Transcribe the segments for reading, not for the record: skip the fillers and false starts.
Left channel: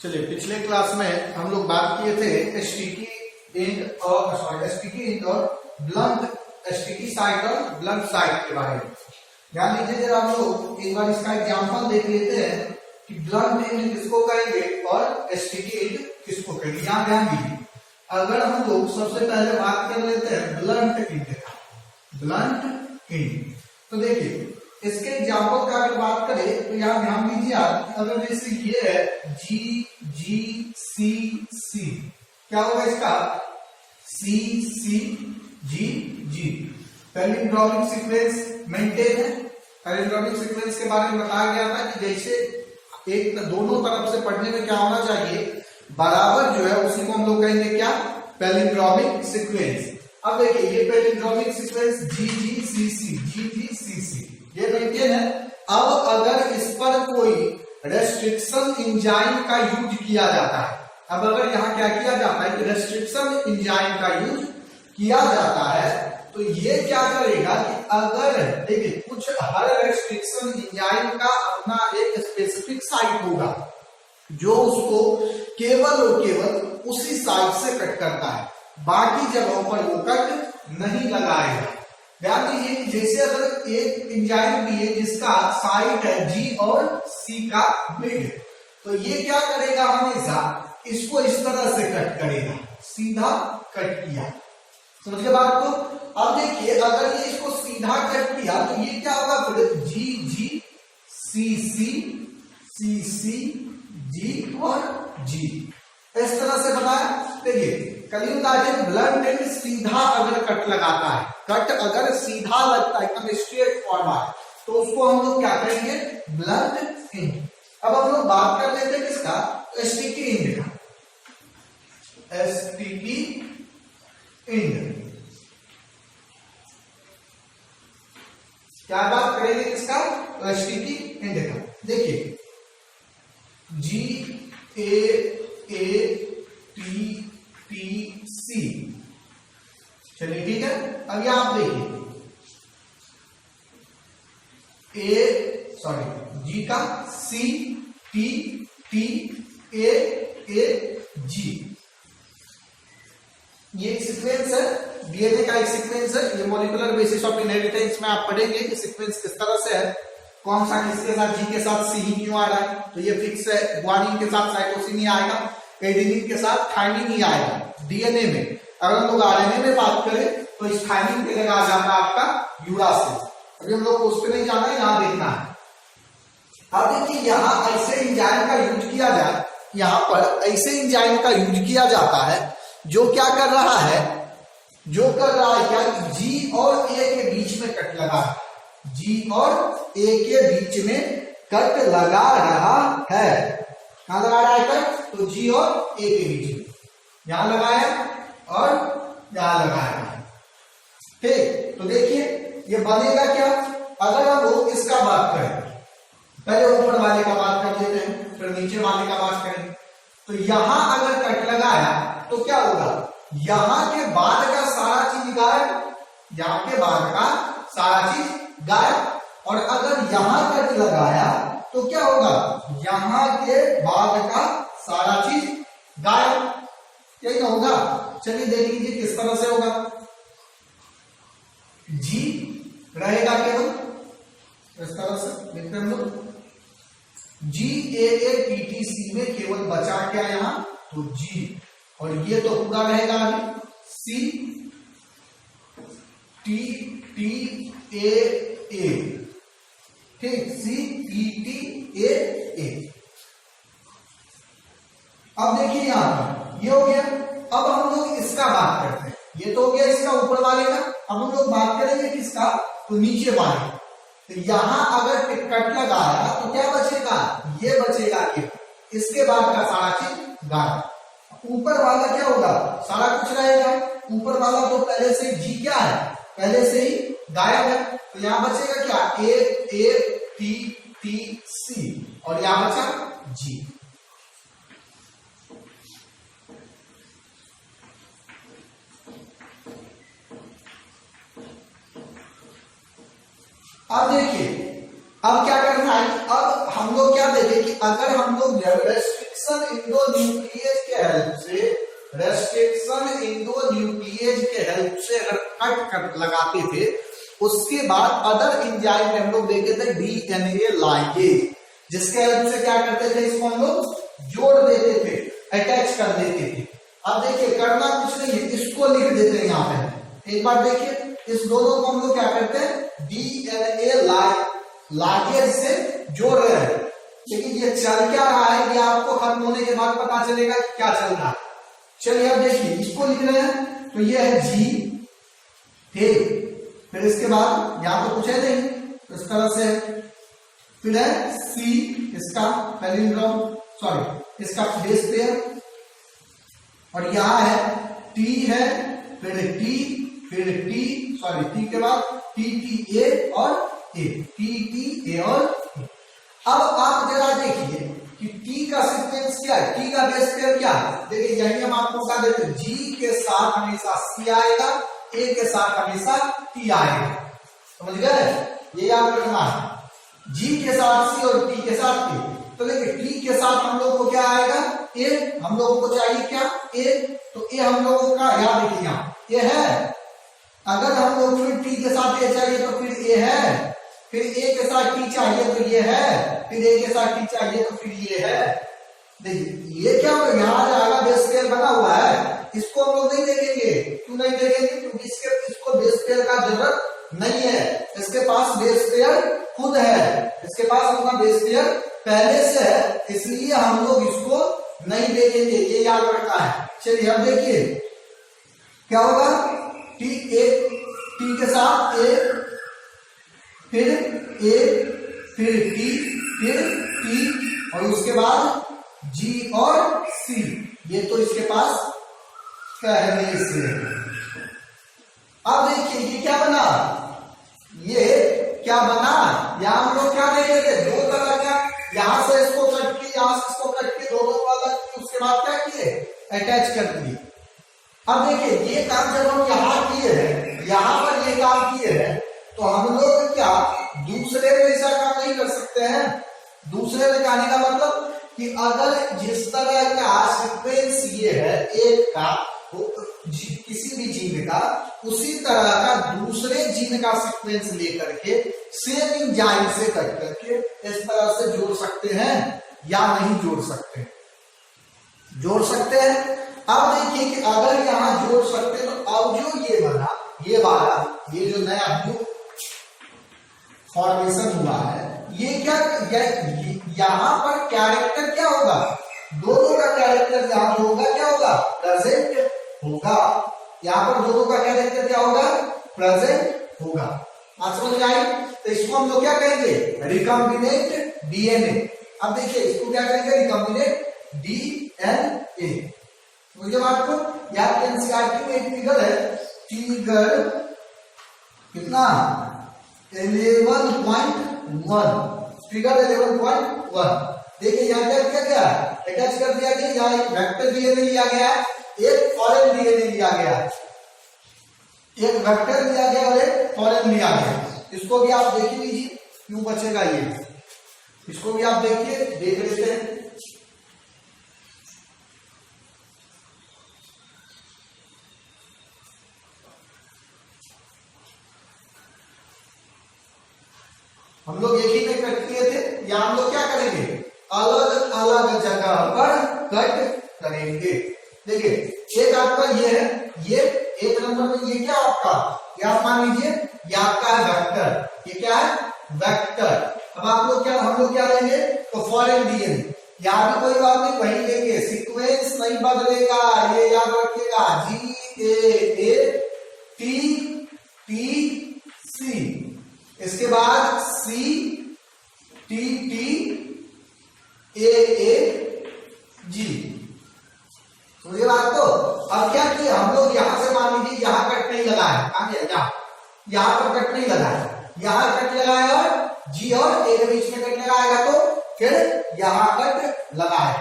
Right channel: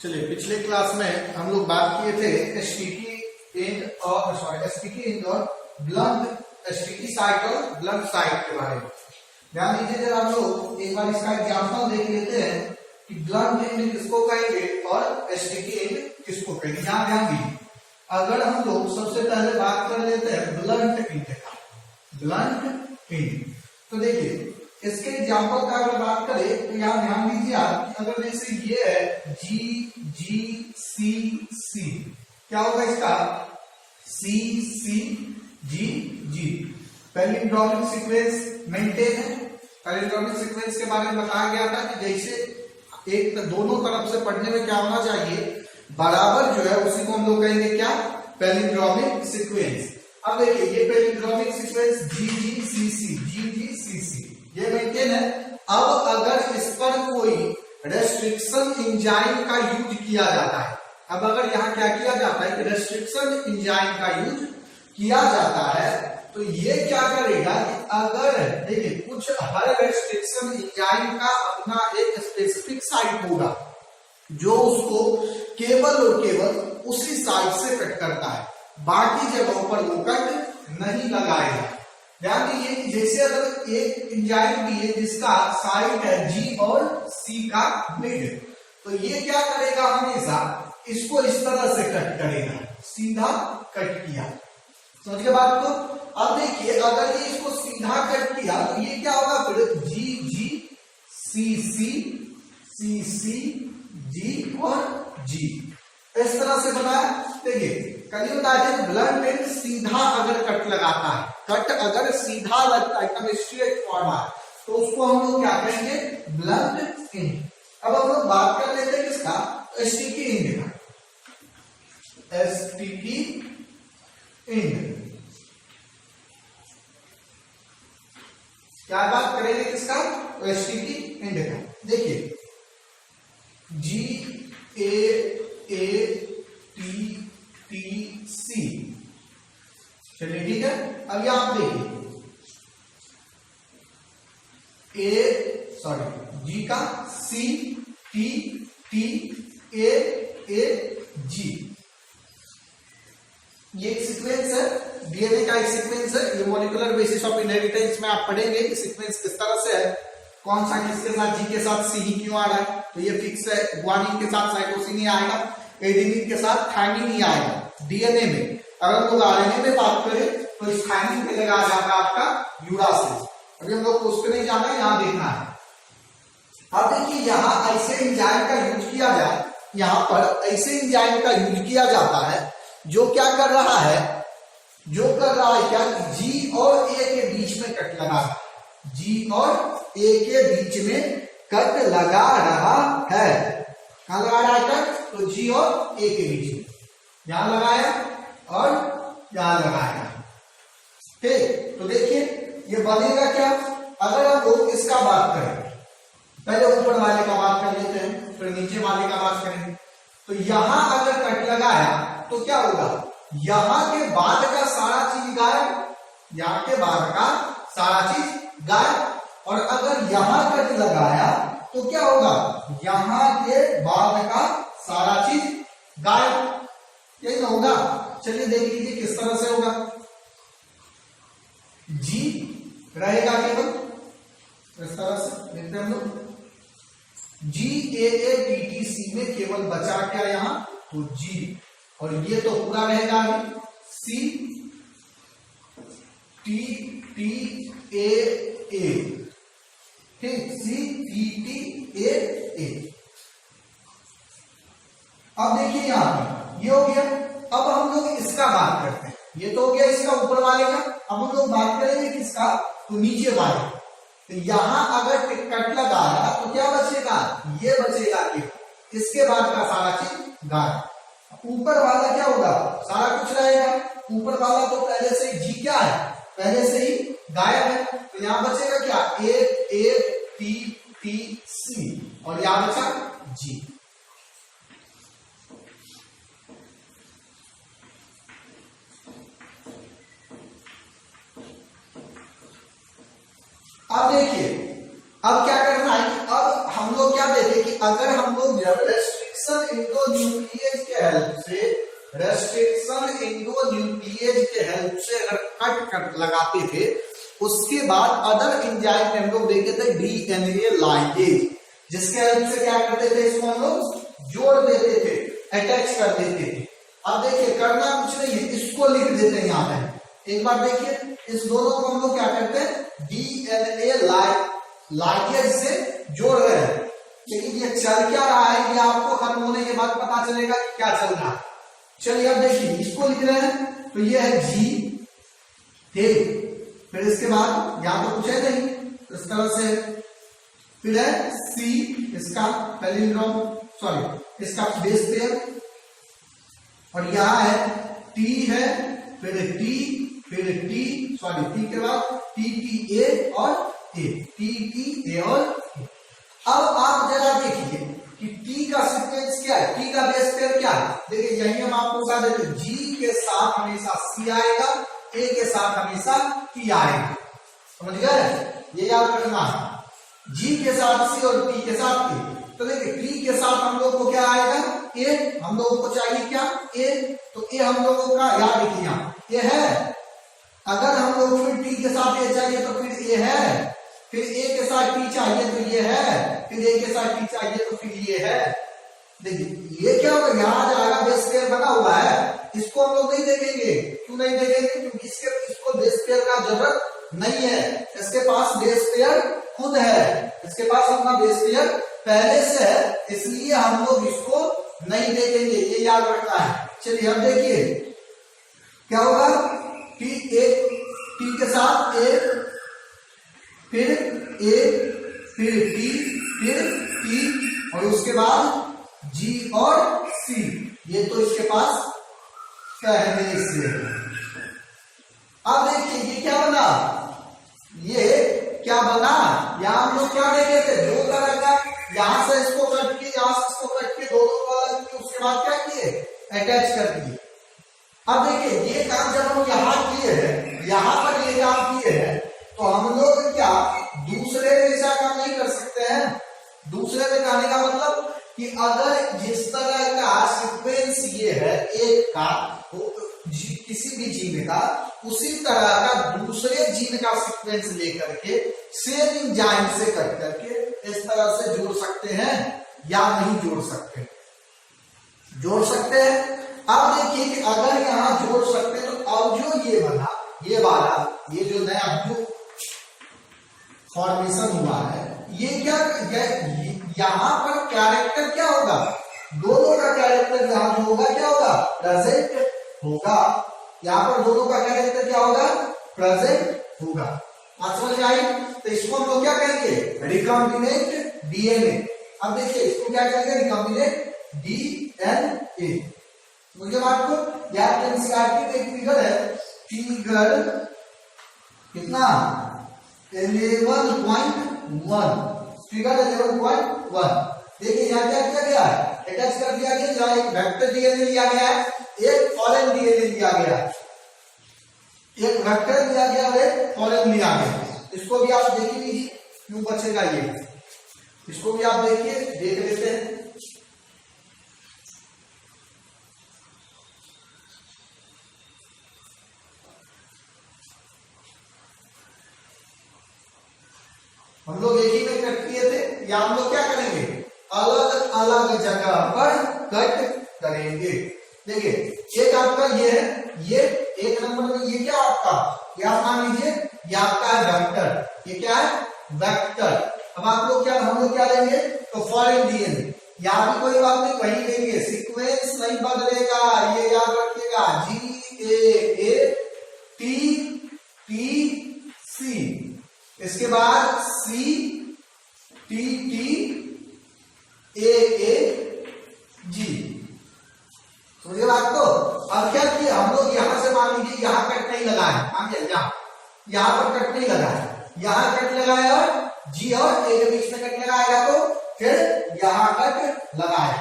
चलिए, पिछले क्लास में हम लोग बात किए थे स्टिकी एंड और ब्लंट स्टिकी साइड और ब्लंट साइड के बारे में। ध्यान दीजिए जरा, हम लोग एक बार इसका एग्जाम्पल देख लेते हैं कि ब्लंट एंड किसको कहेंगे और स्टिकी एंड किसको कहेंगे। यहाँ ध्यान दीजिए, अगर हम लोग सबसे पहले बात कर लेते हैं ब्लंट एंड का, ब्लंट एंड, तो देखिए इसके एग्जाम्पल का अगर बात करें तो यहाँ ध्यान दीजिए आप, अगर जैसे ये है जी जी सी सी, क्या होगा इसका सी सी जी जी। पैलिंड्रोमिक सीक्वेंस मेंटेन है। पैलिंड्रोमिक सीक्वेंस के बारे में बताया गया था कि जैसे एक दोनों तरफ से पढ़ने में क्या होना चाहिए, बराबर जो है, उसी को हम लोग कहेंगे क्या, पैलिंड्रोमिक सीक्वेंस। अब देखिए ये पैलिंड्रोमिक सीक्वेंस जी जी सी सी, जी जी सी सी, ये मेंटेन है। अब अगर इस पर कोई रेस्ट्रिक्शन एंजाइम का यूज किया जाता है, अब अगर यहाँ क्या किया जाता है कि रेस्ट्रिक्शन एंजाइम का यूज किया जाता है, तो ये क्या करेगा कि अगर देखिए कुछ हर रेस्ट्रिक्शन एंजाइम का अपना एक स्पेसिफिक साइट होगा जो उसको केवल और केवल उसी साइट से कट करता है, बाकी जगहों पर वो कट नहीं लगाएगा। ध्यान दीजिए कि जैसे अगर एक एंजाइम भी है जिसका साइट है जी और सी का मिड, तो ये क्या करेगा, हमेशा इसको इस तरह से कट करेगा, सीधा कट किया। समझ गए बात को। अब देखिए अगर ये इसको सीधा कट किया तो ये क्या होगा, फिर जी जी सी सी सी सी जी और जी, इस तरह से बनाया। देखिए कल बताया ब्लंट एंड सीधा अगर कट लगाता है, कट अगर सीधा लगता है एकदम स्ट्रेट फॉरवर्ड, तो उसको हम लोग क्या कहेंगे, ब्लंट एंड। अब हम लोग बात कर लेते हैं किसका, स्टिकी एंड का, स्टिकी एंड। क्या बात करेंगे किसका, स्टिकी एंड का। देखिए जी ए टी टी सी, चलिए ठीक है। अब यहां आप देखिए जी का सी टी टी ए जी, ये एक सीक्वेंस है, डीएनए का एक सीक्वेंस है। ये मॉलिक्यूलर बेसिस ऑफ इनहेरिटेंस में आप पढ़ेंगे कि सीक्वेंस किस तरह से है, कौन सा किसके साथ, जी के साथ सी ही क्यों आ रहा है, तो ये फिक्स है। ग्वानिन के साथ साइटोसिन ही आएगा, एडेनिन के साथ थायमिन ही आएगा डीएनए में। अगर हम लोग आरएनए में बात करें तो इस थायमिन पे लगा जाता है आपका यूरासिल। अभी हम लोग उस पे नहीं जाना है, यहां देखना है। अब देखिए यहां ऐसे एंजाइम का यूज किया जाए, यहां पर ऐसे एंजाइम का यूज किया जाता है जो क्या कर रहा है, जो कर रहा है क्या, जी और ए के बीच में कट लगा, जी और ए के बीच में कट लगा रहा है। कहां लगा रहा है कट, तो जी और ए के बीच में, यहां लगाया और यहां लगाया। ठीक, तो देखिए ये बनेगा क्या, अगर हम लोग इसका बात करें, पहले ऊपर वाले का बात कर लेते हैं, फिर नीचे वाले का बात करें। तो यहां अगर कट लगाया तो क्या होगा, यहां के बाद का सारा चीज गायब, यहां के बाद का सारा चीज गायब। और अगर यहां कट लगाया तो क्या होगा, यहां के बाद का सारा चीज गायब, यही ना होगा। चलिए देख लीजिए किस तरह से होगा, जी रहेगा केवल इस तरह से, देखते हैं हम लोग, जी ए टी टी सी में केवल बचा क्या यहां, तो जी, और ये तो पूरा रहेगा अभी सी टी टी ए, ठीक, सी टी टी ए। अब देखिए यहां पर ये हो गया। अब हम लोग इसका बात करते हैं, ये तो हो गया इसका ऊपर वाले का। अब हम लोग बात करेंगे किसका, तो नीचे वाले। तो यहां अगर कट लगाया तो क्या बचेगा, ये बचेगा कि इसके बाद का सारा चीज गायब। ऊपर वाला क्या होगा, सारा कुछ रहेगा। ऊपर वाला तो पहले से जी क्या है, पहले से ही गायब है, तो यहां बचेगा क्या, ए टी टी सी, और यहां बचा जी। अब देखिए अब क्या करना है, अब हम लोग क्या देखें कि अगर हम लोग रेस्ट्रिक्शन इंडोन्यूक्लियेज के हेल्प से, रेस्ट्रिक्शन इंडोन्यूक्लियेज के हेल्प से अगर कट लगाते थे, उसके बाद अदर एंजाइम में हम लोग देखे थे डीएनए लाइगेज, जिसके हेल्प से क्या करते थे, इसको हम लोग जोड़ देते थे, अटैच कर देते थे। अब देखिए करना कुछ नहीं है, इसको लिख देते हैं यहाँ पे, एक बार देखिए इस दोनों को हम लोग क्या करते हैं, डीएनए लाइगेज से जोड़ रहे हैं। लेकिन ये चल क्या रहा है, ये आपको खत्म होने के बाद पता चलेगा कि क्या चल रहा है। चलिए अब देखिए इसको लिख रहे हैं, तो ये है जी, ठीक, फिर इसके बाद यहां तो कुछ है नहीं, तो इस तरह से, फिर है सी, इसका पैलिंड्रोम, सॉरी इसका बेस पेयर, और यहां है टी है, फिर टी, फिर टी, सॉरी टी के बाद टी टी ए और ए, टी टी ए और ए। अब आप जरा देखिए कि टी का सीक्वेंस क्या है, टी का बेस पेयर क्या है। देखिए यही हम आपको बता देते, जी के साथ हमेशा सी आएगा, ए के साथ हमेशा टी आएगा, समझ गए, ये याद रखना है, जी के साथ सी और टी के साथ ए। तो देखिए टी के साथ हम लोग को क्या आएगा, ए, हम लोगों को चाहिए क्या, ए, तो ए हम लोगों का याद रखिए यहाँ ए है, अगर हम लोग फिर टी के साथ ए चाहिए तो फिर ए है, फिर ए के साथ टी चाहिए तो ये है, फिर ए के साथ टी चाहिए तो फिर ये है। देखिए ये क्या होगा, यहाँ जाएगा बेस पेयर बना हुआ है, इसको हम लोग नहीं देखेंगे, क्यों नहीं देखेंगे, क्योंकि इसको बेस पेयर का जरूरत नहीं है, इसके पास बेस पेयर खुद है, इसके पास अपना बेस पेयर पहले से है, इसलिए हम लोग इसको नहीं देखेंगे, ये याद रखना है। चलिए अब देखिए क्या होगा, टी ए, टी के साथ ए, फिर ए, फिर टी, फिर टी, और उसके बाद जी और सी, ये तो इसके पास पहले से है। अब देखिए ये क्या बना, ये क्या बना, यहां हम लोग क्या देखे थे, दो तरह का, यहां से इसको कट के, यहां से इसको कट के, दोनों को अलग किए, उसके बाद क्या किए, अटैच कर दिए। अब देखिए ये काम जब हम यहाँ किए हैं, यहाँ पर ये काम किए हैं, तो हम लोग क्या दूसरे में ऐसा काम नहीं कर सकते हैं। दूसरे में कहने का मतलब कि अगर जिस तरह का सीक्वेंस ये है एक का, किसी भी जीन का, उसी तरह का दूसरे जीन का सीक्वेंस लेकर के सेम एंजाइम से कट करके इस तरह से जोड़ सकते हैं या नहीं जोड़ सकते, जोड़ सकते हैं। अब देखिए कि अगर यहां जोड़ सकते हैं, तो अब जो ये बना, ये वाला, ये जो नया जो फॉर्मेशन हुआ है, ये क्या, यहां पर कैरेक्टर क्या होगा, दोनों का कैरेक्टर यहां जो होगा क्या होगा, प्रेजेंट होगा, यहां पर दोनों का कैरेक्टर क्या होगा, प्रेजेंट होगा। आज समझ आई, तो इसको हम लोग क्या कहेंगे, रिकॉम्बिनेंट डीएनए। अब देखिए इसको क्या कहेंगे, रिकॉम्बिनेंट डीएनए। मुझे बात को याद, एनसीईआरटी में एक फिगर है, फिगर कितना 11.1, फिगर 11.1। देखिए यहाँ क्या किया गया, अटैच कर दिया गया, यहाँ एक वेक्टर डीएनए लिया गया है, एक फॉरेन डीएनए लिया गया, एक वेक्टर लिया गया और एक फॉरेन लिया गया। इसको भी आप देख लीजिए क्यों बचेगा ये, इसको भी आप देखिए, देख लेते हैं। हम लोग एक ही में कट किए थे, या हम लोग क्या करेंगे, अलग अलग जगह पर कट करेंगे। देखिए एक आपका ये है, ये एक नंबर में, ये क्या आपका, क्या मान लीजिए, ये आपका है वेक्टर, ये क्या है, वेक्टर। अब आप लोग क्या, हम लोग क्या लेंगे, तो फॉरेन डीएनए, यहाँ भी कोई बात नहीं, वही लेंगे, सीक्वेंस नहीं बदलेगा, ये याद रखिएगा, GAA TTC, इसके बाद CTTAAG। समझिए बात को। अब क्या किया हम लोग, यहां से मान लीजिए यहाँ कट नहीं लगा है, यहाँ पर कट नहीं लगा है, यहाँ कट लगाएगा, जी और ए के बीच में कट लगाएगा, तो फिर यहाँ कट लगाए,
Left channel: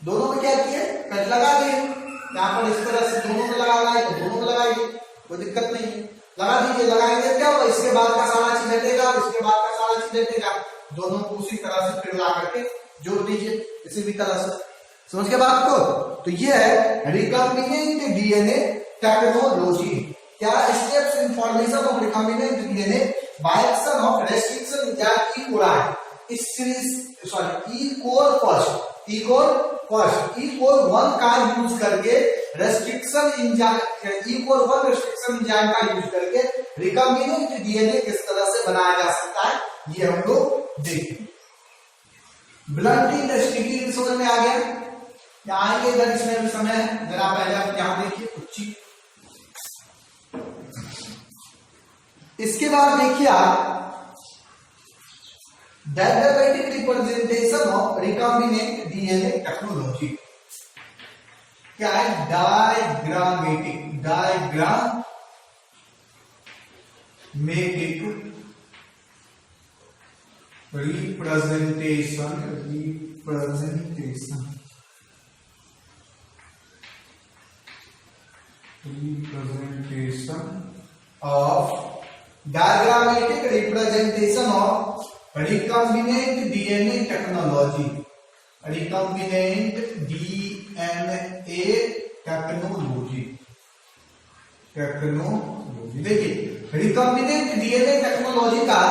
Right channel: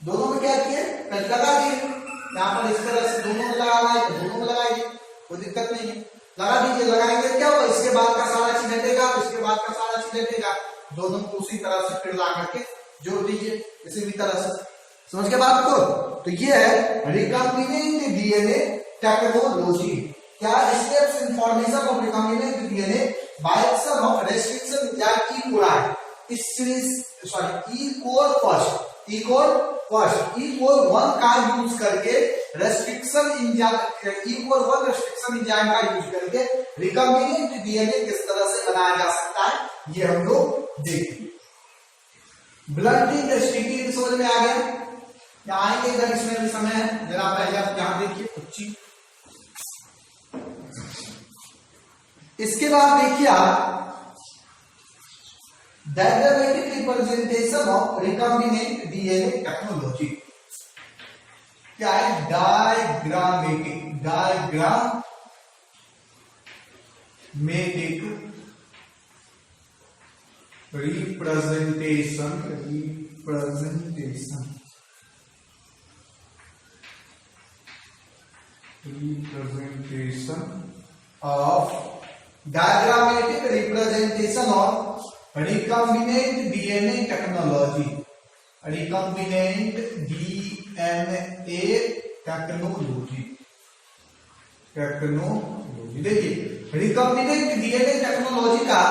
दोनों में क्या किए, कट लगा दिए। यहाँ पर इस तरह से दोनों में लगा हुआ है, तो दोनों में लगाएंगे, कोई दिक्कत नहीं है, लगा दीजिए। लगाएंगे क्या होगा, इसके बाद का सारा चीज हटेगा, इसके बाद का सारा चीज हटेगा, दोनों को उसी तरह से फिर ला करके जोड़ दीजिए किसी भी तरह से। समझ के बात को? तो ये है रिकॉम्बिनेंट डीएनए टेक्नोलॉजी। क्या? Steps in formation of recombinant DNA by action of restriction enzyme E coli. इस सीरीज ई कोर 1 का यूज करके रेस्ट्रिक्शन एंजाइम ई कोर 1 रेस्ट्रिक्शन एंजाइम का यूज करके रिकॉम्बिनेंट डीएनए किस तरह से बनाया जा सकता है ये हम लोग देखेंगे। ब्लंटिंग स्टिकी समझ में आ गया? या आएंगे इधर, इसमें भी समय है, जरा पहले आप यहां देखिए कुछ। इसके बाद देखिए आप diagrammatic representation of recombinant DNA technology. क्या है? Diagrammatic representation of recombinant DNA technology. देखिए रिकॉम्बिनेंट डीएनए टेक्नोलॉजी का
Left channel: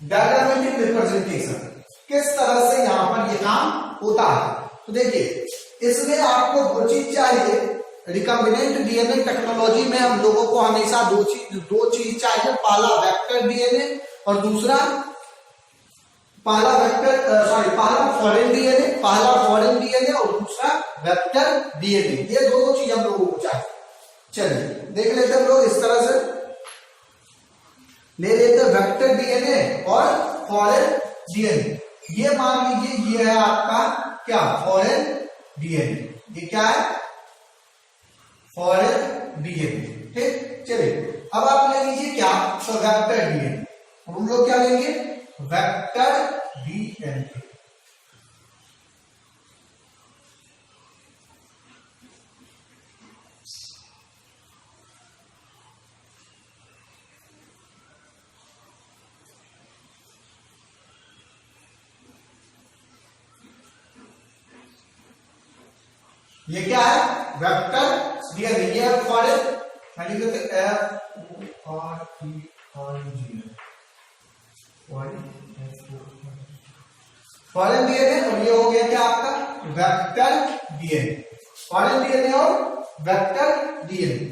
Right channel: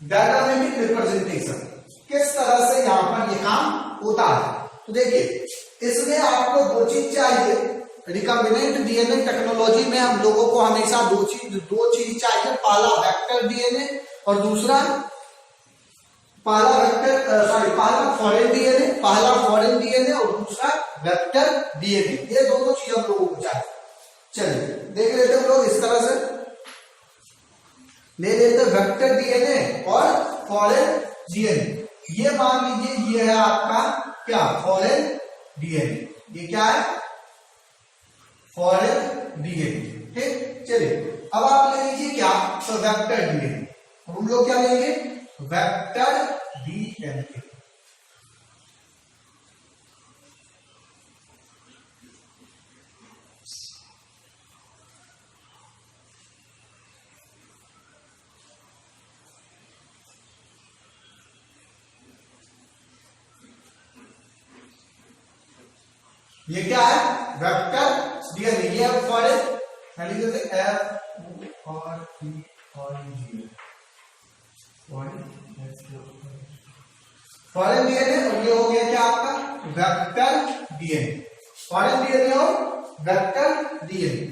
डायग्रामेटिक रिप्रेजेंटेशन किस तरह से यहां पर ये काम होता है। तो देखिए इसमें आपको दो चीज चाहिए। रिकॉम्बिनेंट डीएनए टेक्नोलॉजी में हम लोगों को हमेशा दो चीज चाहिए। पहला वेक्टर डीएनए और दूसरा पहला फॉरेन डीएनए और दूसरा वेक्टर डीएनए। ये दोनों चीज हम लोगों को चाहिए। चलिए देख लेते हैं हम लोग। इस तरह से ले लेते हैं वेक्टर डीएनए और फॉरेन डीएनए। ये मान लीजिए ये है आपका क्या? Foreign DNA. ये क्या है? Foreign DNA. ठीक, चलिए अब आप ले लीजिए क्या? तो वेक्टर डीएनए। हम लोग क्या लेंगे? Vector DNA. ये क्या है? Vector DNA. ये है फॉरेन फॉरेन डीएनए और ये हो गया क्या आपका? Vector DNA. फॉरेन डीएनए और वेक्टर डीएनए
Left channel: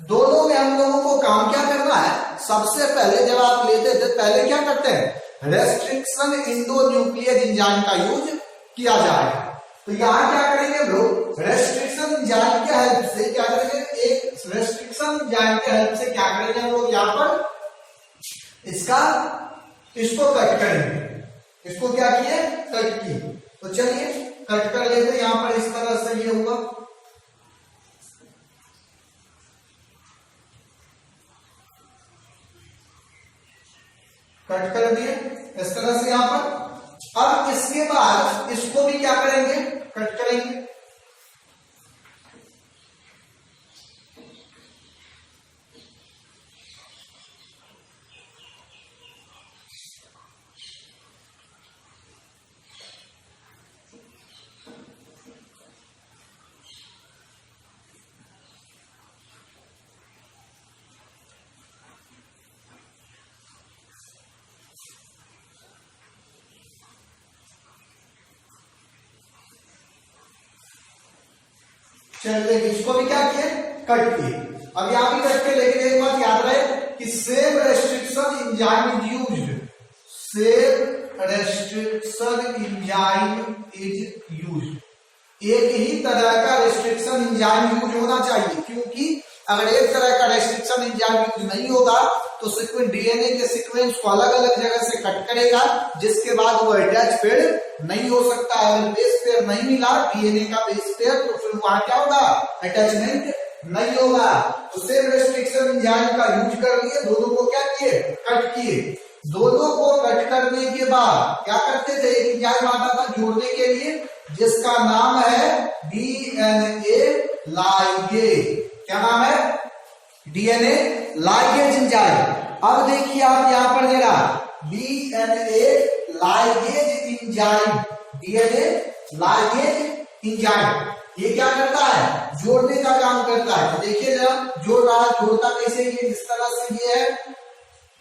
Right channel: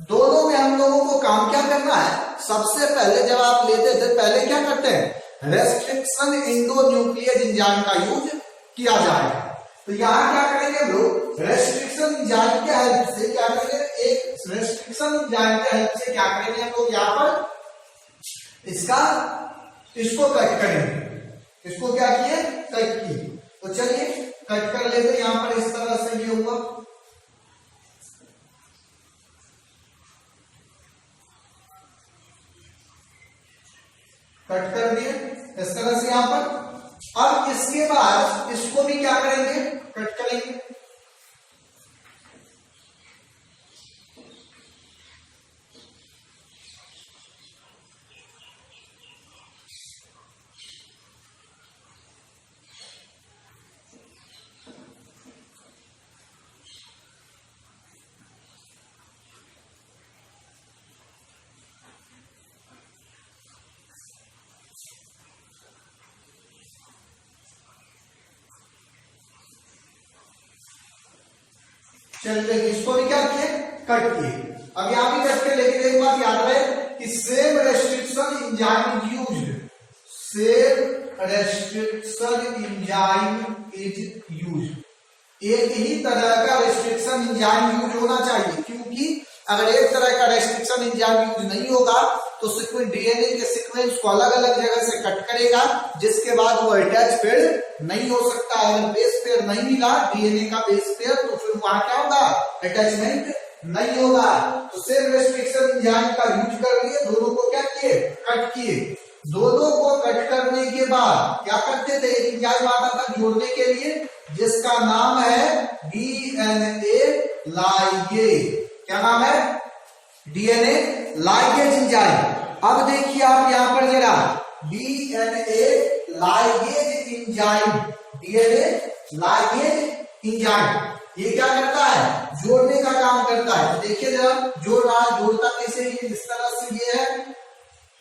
दोनों में हम लोगों को काम क्या करना है? सबसे पहले जब आप लेते थे पहले क्या करते हैं? रेस्ट्रिक्शन एंडोन्यूक्लियस एंजाइम का यूज किया जाएगा। तो यहां क्या करेंगे हम लोग? रेस्ट्रिक्शन एंजाइम के हेल्प से क्या करेंगे? एक रेस्ट्रिक्शन एंजाइम के हेल्प से क्या करेंगे हम लोग? यहां पर इसको कट करेंगे। इसको क्या किए? कट किए। तो चलिए कट कर लेते। यहां पर इस तरह से ये होगा। कट कर दिए इस तरह से यहां पर। अब इसके बाद इसको भी क्या करेंगे? कट करेंगे। चलिए इसको भी क्या किए? कट किए। अब यहां भी कट के, लेकिन एक बात याद रहे कि same restriction enzyme is used. Same restriction enzyme is used. एक ही तरह का रेस्ट्रिक्शन एंजाइम यूज होना चाहिए, क्योंकि अगर एक तरह का रेस्ट्रिक्शन एंजाइम यूज नहीं होगा तो सीक्वेंस डीएनए के सीक्वेंस को अलग अलग जगह से कट करेगा, जिसके बाद वो अटैच पेयर नहीं हो सकता। अगर बेस पेयर नहीं मिला डीएनए का बेस पेयर तो फिर वहां क्या होगा? अटैचमेंट नहीं होगा। तो सेम रेस्ट्रिक्शन एंजाइम का यूज कर लिए, दोनों को क्या किए? कट किए। दोनों को कट करने के बाद क्या करते थे? एक एंजाइम आता था जोड़ने के लिए जिसका नाम है डीएनए लाइगेज। क्या नाम है? DNA ligase enzyme. अब देखिए आप यहां पर जरा DNA ligase enzyme DNA ligase enzyme. ये क्या करता है? जोड़ने का काम करता है। तो देखिए जरा, जोड़ रहा है, जोड़ता कैसे? ये जिस तरह से ये है,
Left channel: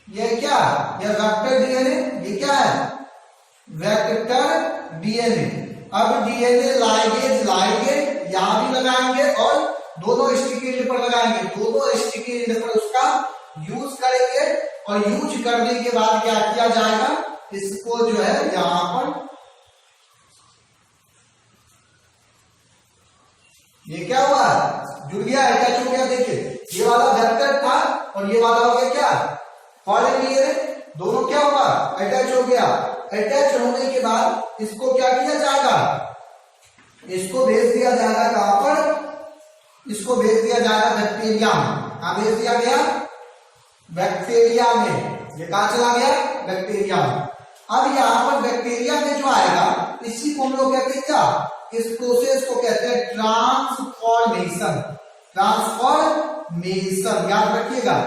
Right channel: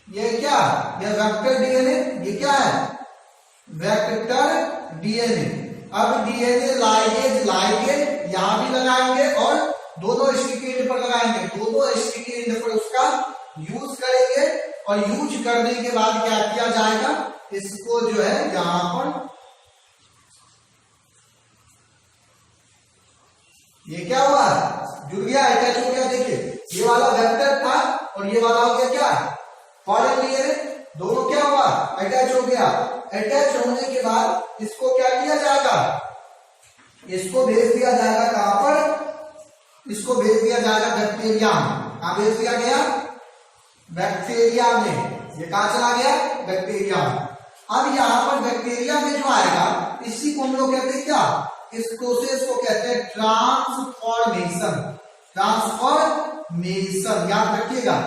ये क्या? ये वेक्टर डीएनए। ये क्या है? Vector DNA. अब डीएनए लाइगेज, लाइगेज यहां भी लगाएंगे और दोनों स्टिकी एंड पर लगाएंगे, दोनों स्टिकी एंड पर उसका यूज करेंगे। और यूज करने के बाद क्या किया जाएगा? इसको जो है यहां पर, ये क्या हुआ? जुड़ गया, अटैच हो गया। देखिए ये वाला वेक्टर था और ये वाला हो गया क्या? Foreign DNA. दोनों क्या हुआ? अटैच हो गया। अटैच होने के बाद इसको क्या किया जाएगा? इसको भेज दिया जाएगा कहां पर? इसको भेज दिया जाएगा बैक्टीरिया में। कहां भेज दिया गया? बैक्टीरिया में। ये कहां चला गया? बैक्टीरिया में। अब यहां पर बैक्टीरिया में जो आएगा, इसी को हम लोग कहते हैं क्या? इस प्रोसेस को कहते हैं ट्रांसफॉर्मेशन। ट्रांसफॉर्मेशन याद रखिएगा।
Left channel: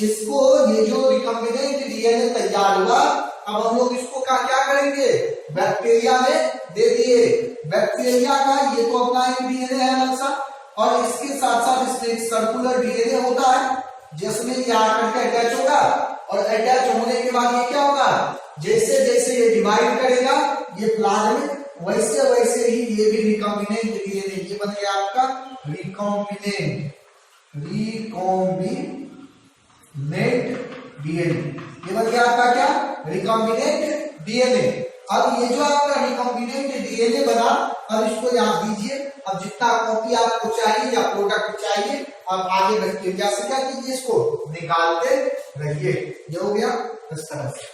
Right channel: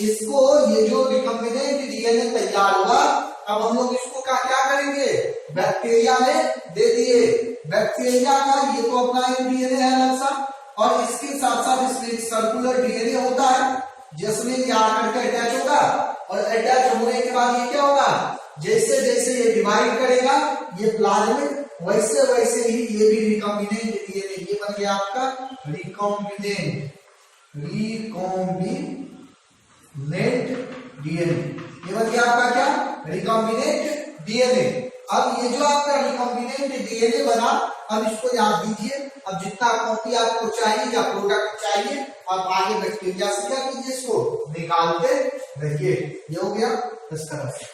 इसको, ये जो रिकॉम्बिनेंट डीएनए तैयार हुआ, अब हम लोग इसको क्या करेंगे? बैक्टीरिया में दे दिए। बैक्टीरिया का ये तो अपना एक डीएनए है अलग सा, और इसके साथ साथ इसमें एक सर्कुलर डीएनए होता है जिसमें ये आकर के अटैच होगा। और अटैच होने के बाद ये क्या होगा? जैसे जैसे ये डिवाइड करेगा, ये प्लाज्मिक, वैसे वैसे ही ये भी रिकॉम्बिनेंट डीएनए, ये बन गया आपका रिकॉम्बिनेंट, रिकॉम्बिनेंट डीएनए। ये बन गया आपका क्या? Recombinant DNA. अब ये जो आपका रिकॉम्बिनेंट डीएनए बना, अब इसको यहां दीजिए। अब जितना कॉपी आपको चाहिए या प्रोडक्ट चाहिए, अब आगे बैक्टीरिया से क्या कीजिए? इसको निकालते रहिए। ये हो गया इस तरह से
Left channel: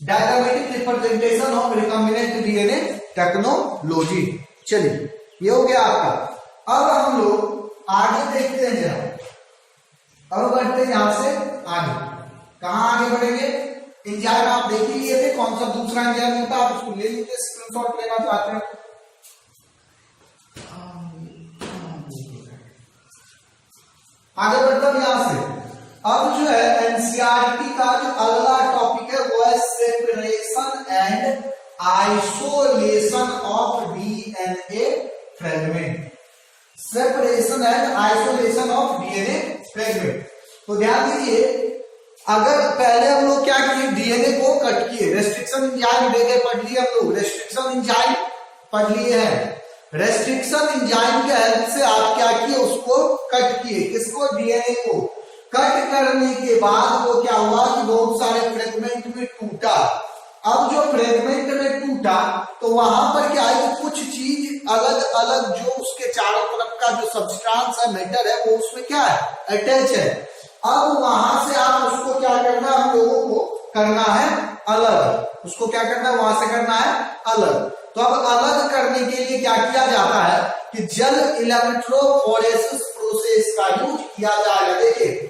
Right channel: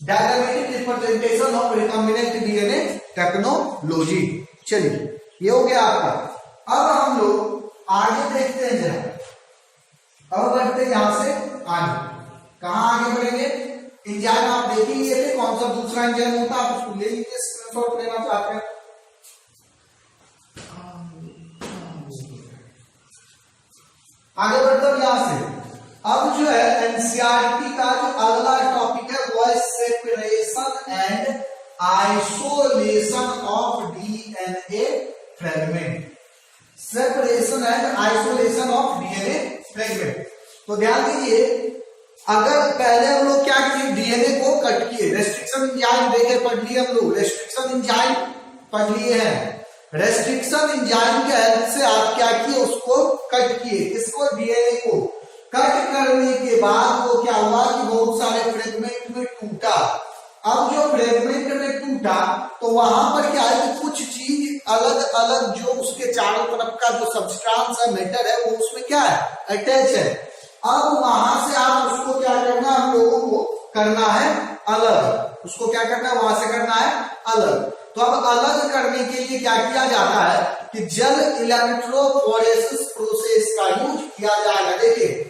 diagrammatic representation of recombinant DNA technology. चलिए ये हो गया आपका। अब हम लोग आगे देखते हैं जरा। अब बढ़ते हैं यहां से आगे। कहां आगे बढ़ेंगे? एंजाइम आप देख ही लिए थे, कौन सा दूसरा एंजाइम होता है, आप उसको ले लीजिए, स्क्रीनशॉट लेना चाहते हैं। आगे बढ़ते हैं यहां से। अब जो है एनसीईआरटी का जो अगला टॉपिक है वो है separation and isolation of DNA fragment. Separation and isolation of DNA fragment. तो ध्यान दीजिए, अगर पहले हम लोग क्या किए? डीएनए को कट किए, रेस्ट्रिक्शन एंजाइम देखे पढ़ लिए हम लोग, रेस्ट्रिक्शन एंजाइम पढ़ लिए हैं। रेस्ट्रिक्शन एंजाइम के हेल्प से आप क्या किए? उसको कट किए। किसको? डीएनए को। कट करने के बाद वो क्या हुआ कि बहुत सारे फ्रेगमेंट में टूटा। अब जो फ्रेगमेंट में टूटा तो वहां पर क्या है कि कुछ चीज अलग अलग, जो उसके चारों तरफ का जो सब्सटेंस है, मैटर है, वो उसमें क्या है? अटैच है। अब वहां से आप उसको क्या करना है? हम लोगों को करना है अलग। उसको क्या करना है? वहां से करना है अलग। तो अब अलग करने के लिए क्या किया जाता है कि जेल इलेक्ट्रोफोरेसिस प्रोसेस का यूज किया जाएगा। देखिए,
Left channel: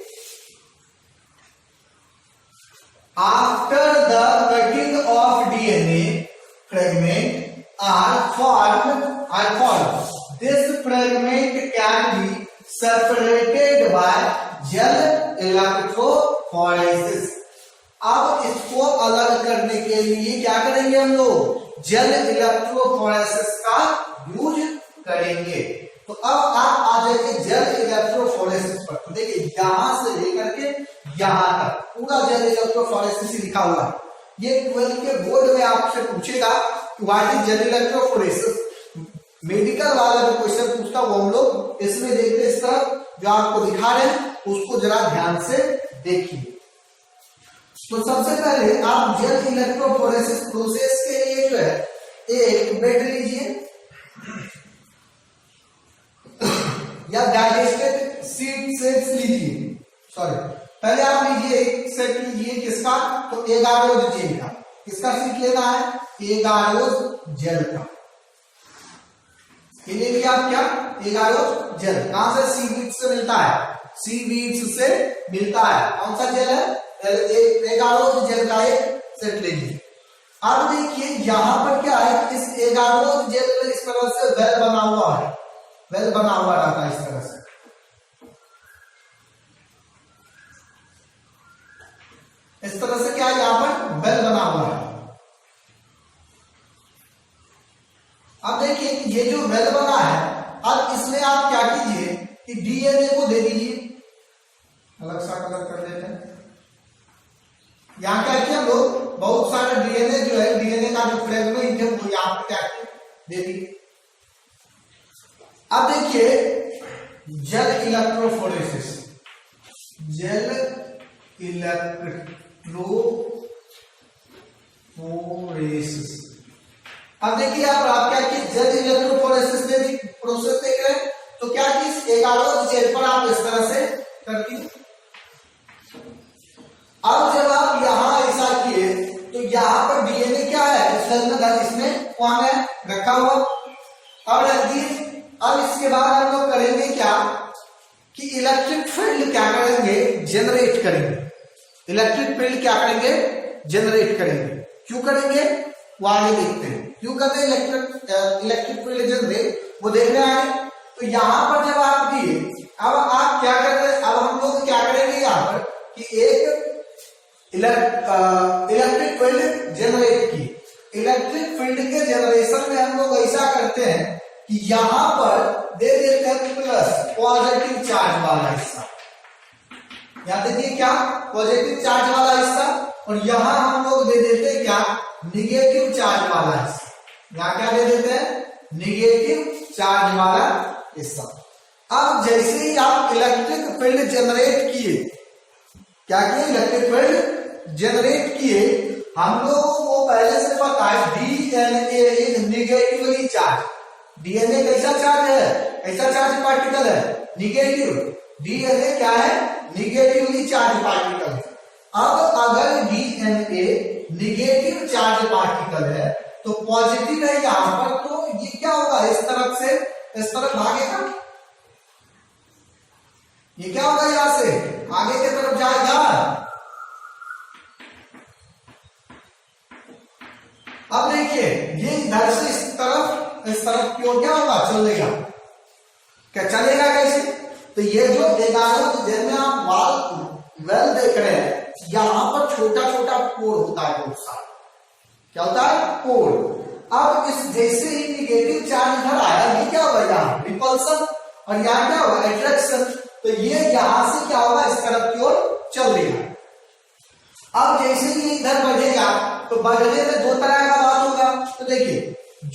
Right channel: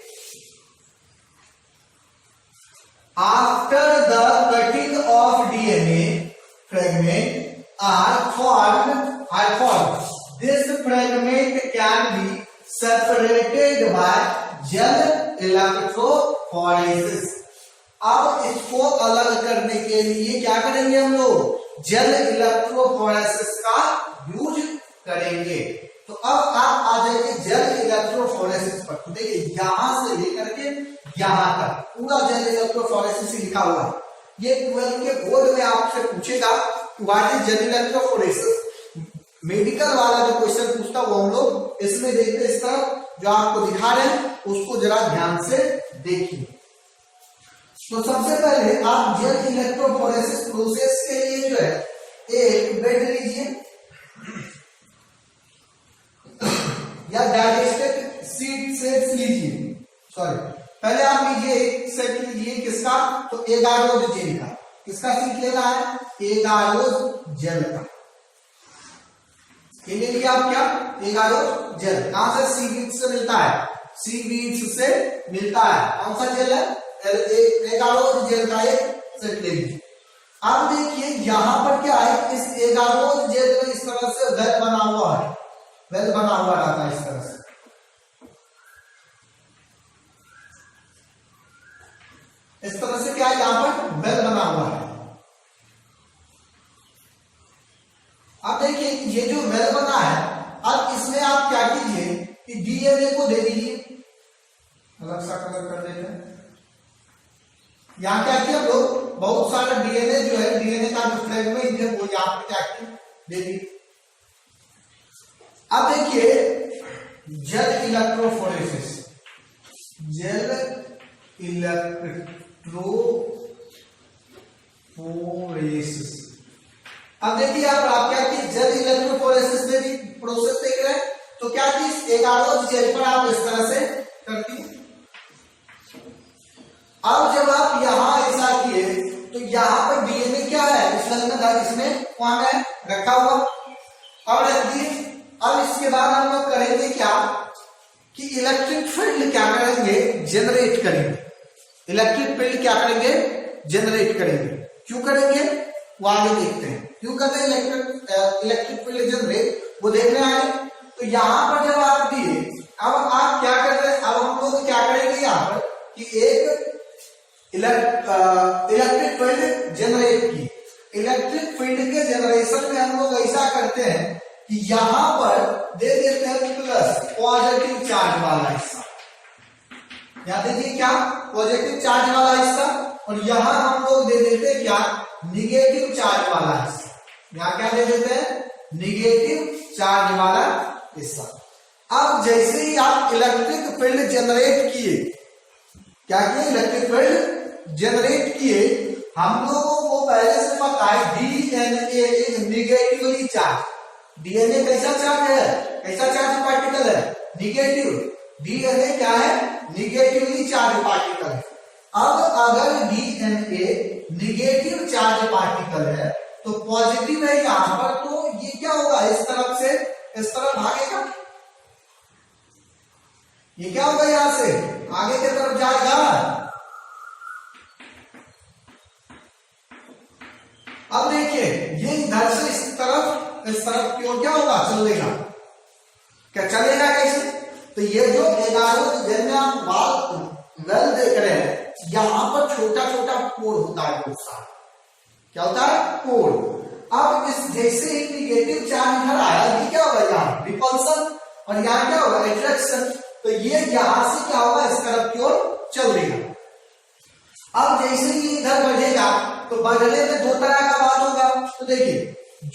after the cutting of DNA fragment are formed, this fragment can be separated by gel electrophoresis। अब इसको अलग करने के लिए क्या करेंगे हम लोग? जेल इलेक्ट्रोफोरेसिस का यूज करेंगे। तो अब आप आ जाइए जेल इलेक्ट्रोफोरेसिस पर। तो देखिए, यहां से लेकर के यहां तक पूरा जेल इलेक्ट्रोफोरेसिस लिखा हुआ है। ये 12 के बोर्ड में आपसे पूछेगा कि what is gel electrophoresis. Medical वाला जो क्वेश्चन पूछता वो हम लोग इसमें देखते हैं। इस तरफ जो आपको दिखा रहे हैं उसको जरा ध्यान से देखिए। तो सबसे पहले आप जेल इलेक्ट्रोफोरेसिस प्रोसेस के लिए जो है एक बेड लीजिए या डाइजेस्टेड सीड सेट्स लीजिए। सॉरी, पहले आप लीजिए एक सेट लीजिए। किसका? तो एगारोज जेल का। किसका सीट लेना है? एगारोज जेल का। ले लिया आप क्या? Agarose gel. कहां से? सीवीड्स से मिलता है। सीवीड्स से मिलता है। कौन सा जेल है? एगारोज जेल का एक सेट ले लीजिए। अब देखिए यहां पर क्या है? इस एगारोज जेल में इस तरह से वेल बना हुआ है। वेल बना हुआ रहता है इस तरह से। इस तरह से क्या है? यहां पर वेल बना हुआ है। अलग सा कलर कर देते हैं। यहाँ क्या किया हम लोग, बहुत सारा डीएनए जो है, डीएनए का जो फ्रेगमेंट है वो यहाँ पे क्या किया दे दी। अब देखिए जेल इलेक्ट्रोफोरेसिस, जेल इलेक्ट्रोफोरेसिस। अब देखिए आप क्या की जेल इलेक्ट्रोफोरेसिस में भी प्रोसेस देख रहे हैं, तो क्या की एक आलोक जेल पर आप इस तरह से करती हैं। अब जब आप यहां ऐसा किए तो यहां पर डीएनए क्या है, इसमें कौन है रखा हुआ। अब रख दिए। अब इसके बाद हम लोग करेंगे क्या कि इलेक्ट्रिक फील्ड क्या करेंगे, जनरेट करेंगे। इलेक्ट्रिक फील्ड क्या करेंगे, जनरेट करेंगे। क्यों करेंगे वो आगे देखते हैं, क्यों करते हैं इलेक्ट्रिक फील्ड जनरेट, वो देखने आगे। तो यहां पर जब आप दिए, अब आप क्या कर रहे हैं, अब हम लोग क्या करेंगे यहां पर कि एक इलेक्ट्रिक फील्ड जनरेट की। इलेक्ट्रिक फील्ड के जनरेशन में हम लोग ऐसा करते हैं कि यहां पर दे देते हैं प्लस पॉजिटिव चार्ज वाला हिस्सा, यहां दे दिए क्या पॉजिटिव चार्ज वाला हिस्सा, और यहां हम लोग दे देते हैं क्या निगेटिव चार्ज वाला हिस्सा। यहां क्या दे देते हैं निगेटिव चार्ज वाला हिस्सा। अब जैसे ही आप इलेक्ट्रिक फील्ड जनरेट किए, क्या किए इलेक्ट्रिक फील्ड जनरेट किए, हम लोगों को पहले से पता है डीएनए एक निगेटिवली चार्ज। डीएनए कैसा चार्ज है, कैसा चार्ज पार्टिकल है निगेटिव। डीएनए क्या है निगेटिवली चार्ज पार्टिकल है। अब अगर डीएनए निगेटिव चार्ज पार्टिकल है तो पॉजिटिव है यहां पर, तो ये क्या होगा इस तरफ से इस तरफ भागेगा, ये क्या होगा यहां से आगे की तरफ जाएगा। अब देखिए ये इधर से इस तरफ क्यों क्या होगा चलेगा, क्या चलेगा कैसे। तो ये जो 11 में आप वेल देख रहे हैं, यहां पर छोटा छोटा पोर होता है बहुत सारा, क्या होता है पोर। अब इस जैसे ही निगेटिव चार्ज इधर आया, ये क्या होगा यहाँ रिपल्सन, और यहाँ क्या होगा अट्रैक्शन। तो ये यहां से क्या होगा इस तरफ की ओर चल देगा। अब जैसे ही इधर बढ़ेगा तो बढ़ने में दो तरह का बात होगा। तो देखिए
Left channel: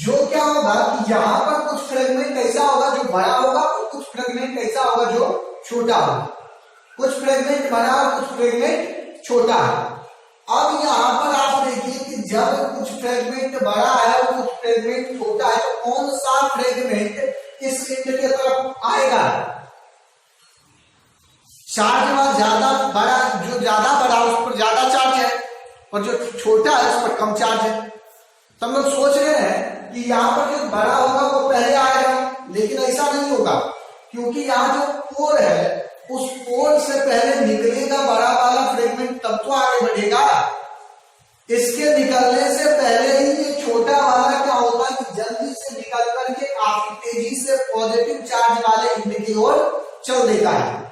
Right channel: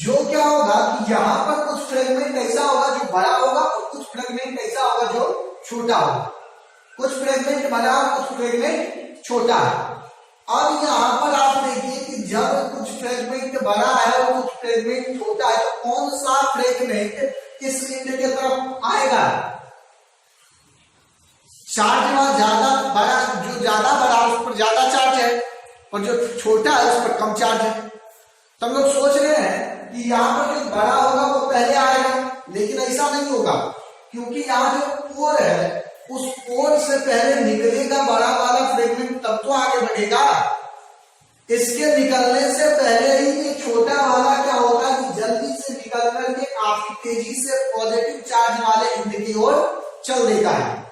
जो क्या होगा कि यहाँ पर कुछ फ्रेगमेंट ऐसा होगा जो बड़ा होगा, और कुछ फ्रेगमेंट ऐसा होगा जो छोटा होगा। कुछ फ्रेगमेंट बड़ा और कुछ फ्रेगमेंट छोटा है। अब यहाँ पर आप देखिए कि जब कुछ फ्रेगमेंट बड़ा है और कुछ फ्रेगमेंट छोटा है, तो कौन सा फ्रेगमेंट इस एंड की तरफ आएगा, चार्ज वहां ज्यादा बड़ा, जो ज्यादा बड़ा उस पर ज्यादा चार्ज है, और जो छोटा है उस पर कम चार्ज है। तो हम लोग सोच रहे हैं कि यहाँ पर जो बड़ा होगा वो पहले आएगा, लेकिन ऐसा नहीं होगा, क्योंकि यहाँ जो पोर है उस पोर से पहले निकलेगा बड़ा वाला फ्रेगमेंट, तब तो आगे बढ़ेगा। इसके निकलने से पहले ही ये छोटा वाला क्या होता है कि जल्दी से निकल करके काफी तेजी से पॉजिटिव चार्ज वाले एंड की ओर चल देता है।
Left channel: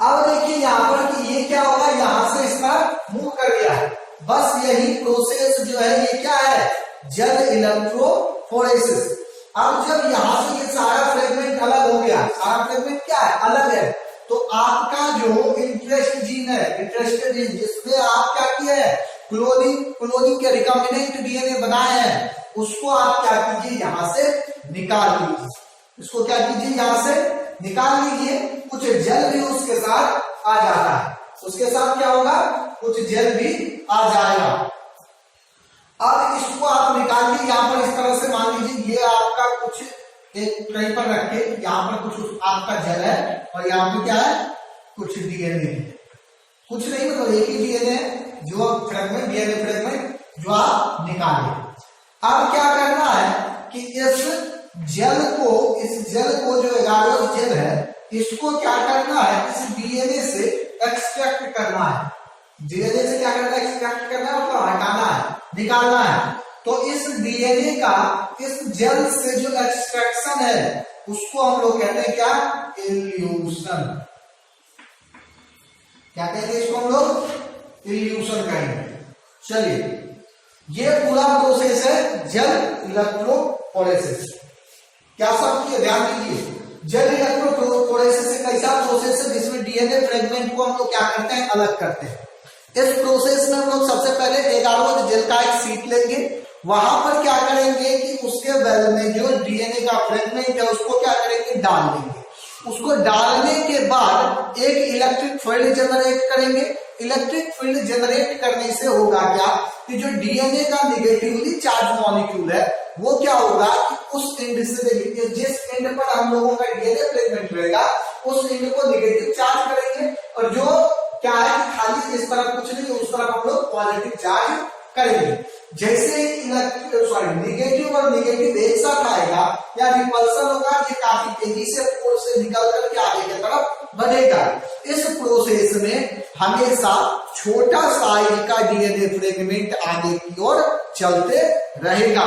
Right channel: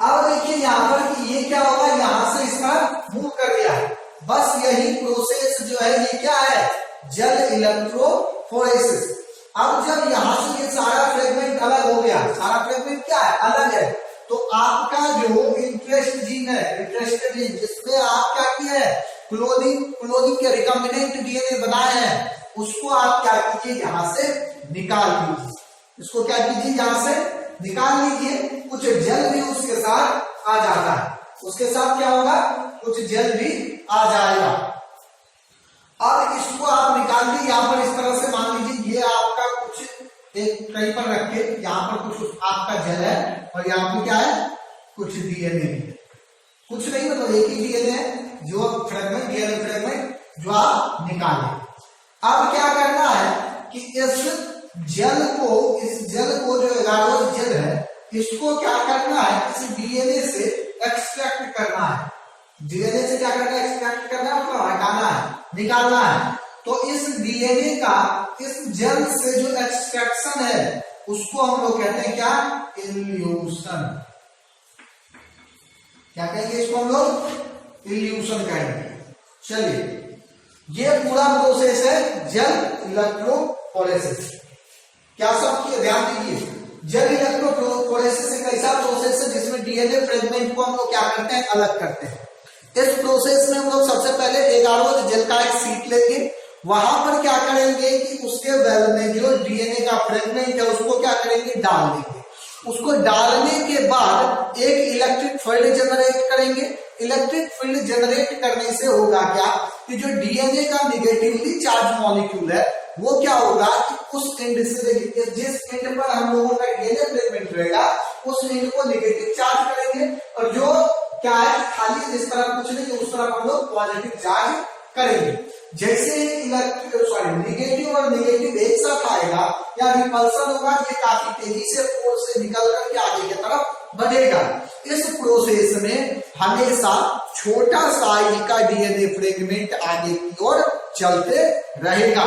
अब देखिए यहाँ पर कि ये क्या होगा, यहां से इसका मूव कर दिया है। बस यही प्रोसेस जो है ये क्या है जेल इलेक्ट्रोफोरेसिस। अब जब यहां से ये सारा फ्रेगमेंट अलग हो गया, सारा फ्रेगमेंट क्या है अलग है, तो आपका जो इंटरेस्ट जीन है, इंटरेस्टेड जीन जिसमें आप क्या किया है क्लोनिंग के रिकॉम्बिनेंट डीएनए बनाए हैं, उसको आप क्या कीजिए यहां से निकाल लीजिए। इसको क्या कीजिए यहां से निकाल लीजिए। कुछ जेल भी उसके साथ आ जाता है, उसके साथ क्या होगा कुछ जेल भी आ जाएगा। अब इसको आप निकाल के यहाँ पर इस तरह से मान लीजिए ये आपका कुछ एक कहीं पर रख के यहाँ पर कुछ आपका जेल है, और यहाँ पे क्या है कुछ डीएनए, कुछ नहीं मतलब एक ही डीएनए जो फ्रेगमेंट डीएनए फ्रेगमेंट जो आप निकाले। अब क्या करना है कि इस जेल को जो 11वां जेल है इसको क्या करना है, इस डीएनए से एक्सट्रैक्ट करना है। डीएनए से क्या करना है एक्सट्रैक्ट करना है, उसको हटाना है, निकालना है। तो इस डीएनए का इस जेल से जो एक्सट्रैक्शन है उसको हम लोग कहते हैं क्या इल्यूशन। क्या कहेंगे इसको हम लोग इल्यूशन कहेंगे। चलिए ये पूरा प्रोसेस है जेल इलेक्ट्रोफोरेसिस। क्या सब की ध्यान दीजिए, जेल इलेक्ट्रोफोरेसिस एक ऐसा प्रोसेस है जिसमें डीएनए फ्रेगमेंट को हम लोग क्या करते हैं, अलग करते हैं। इस प्रोसेस में हम लोग सबसे पहले एगारोज जेल का एक सीट लेंगे, वहां पर क्या करेंगे कि उसके वेल में जो डीएनए का फ्रेगमेंट है उसको क्या करेंगे, डाल देंगे। उसको डालने के बाद एक इलेक्ट्रिक फील्ड जनरेट करेंगे। इलेक्ट्रिक फील्ड जनरेट करने से होगा क्या कि जो डीएनए का निगेटिवली चार्ज मॉलिक्यूल है वो क्या होगा कि उस एंड से देखिए, जिस एंड पर हम लोगों का डीएनए फ्रेगमेंट रहेगा उस एंड को नेगेटिव चार्ज करेंगे, और जो क्या है खाली इस तरफ कुछ नहीं, उस तरफ हम लोग पॉजिटिव चार्ज करेंगे। जैसे ही नेगेटिव और नेगेटिव एक साथ आएगा या रिपल्सन होगा, ये काफी तेजी से पोल से निकल करके आगे की तरफ बढ़ेगा। इस प्रोसेस में हमेशा छोटा साइज का डीएनए फ्रेगमेंट आगे की ओर चलते रहेगा।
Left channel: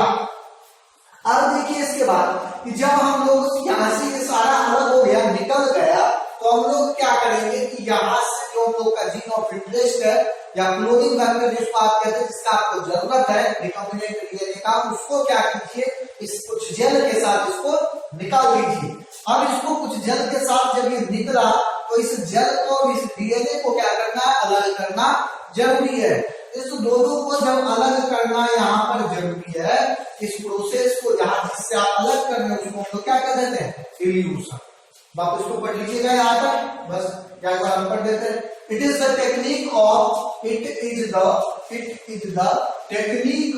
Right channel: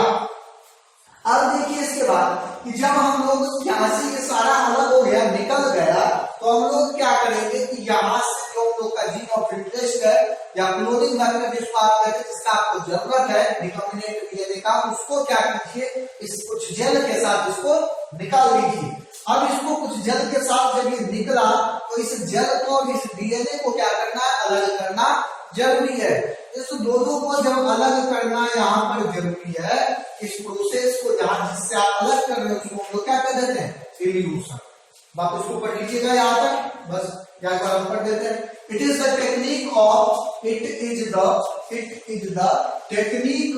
अब देखिए इसके बाद कि जब हम लोग यहाँ से ये सारा अलग हो गया, निकल गया, तो हम लोग क्या करेंगे कि यहाँ से जो हम लोग का जीन ऑफ इंटरेस्ट है या क्लोनिंग वेक्टर जिसको आप कहते हैं, जिसका आपको जरूरत है रिकॉम्बिनेंट डीएनए का, उसको क्या कीजिए, इस कुछ जेल के साथ इसको निकाल लीजिए। अब इसको कुछ जेल के साथ जब ये निकला तो इस जेल को और इस डीएनए को क्या करना है, अलग करना जरूरी है। इस दोनों को जब अलग करना यहाँ पर जरूरी है, इस प्रोसेस को यहाँ जिससे आप अलग कर रहे हो उसको हम लोग क्या कह देते हैं, इल्यूशन। वापस को पढ़ लीजिएगा यहाँ तक, बस क्या एक बार हम पढ़ देते हैं। It is the technique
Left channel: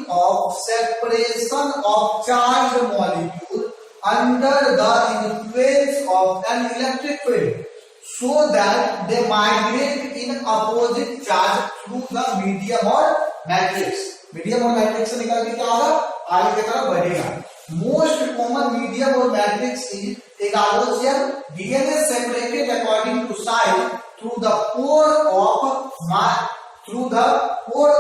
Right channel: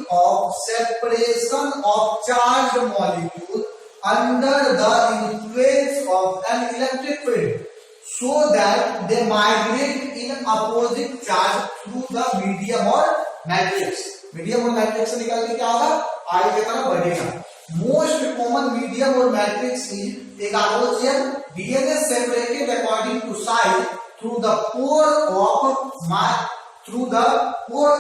of separation of charge molecule under the influence of an electric field so that they migrate in opposite charge through the medium or matrix। Medium और मैट्रिक्स से निकल के क्या होगा, आगे की तरफ बढ़ेगा। मोस्ट कॉमन मीडियम और matrix is agarose gel, DNA separated according to size through the pore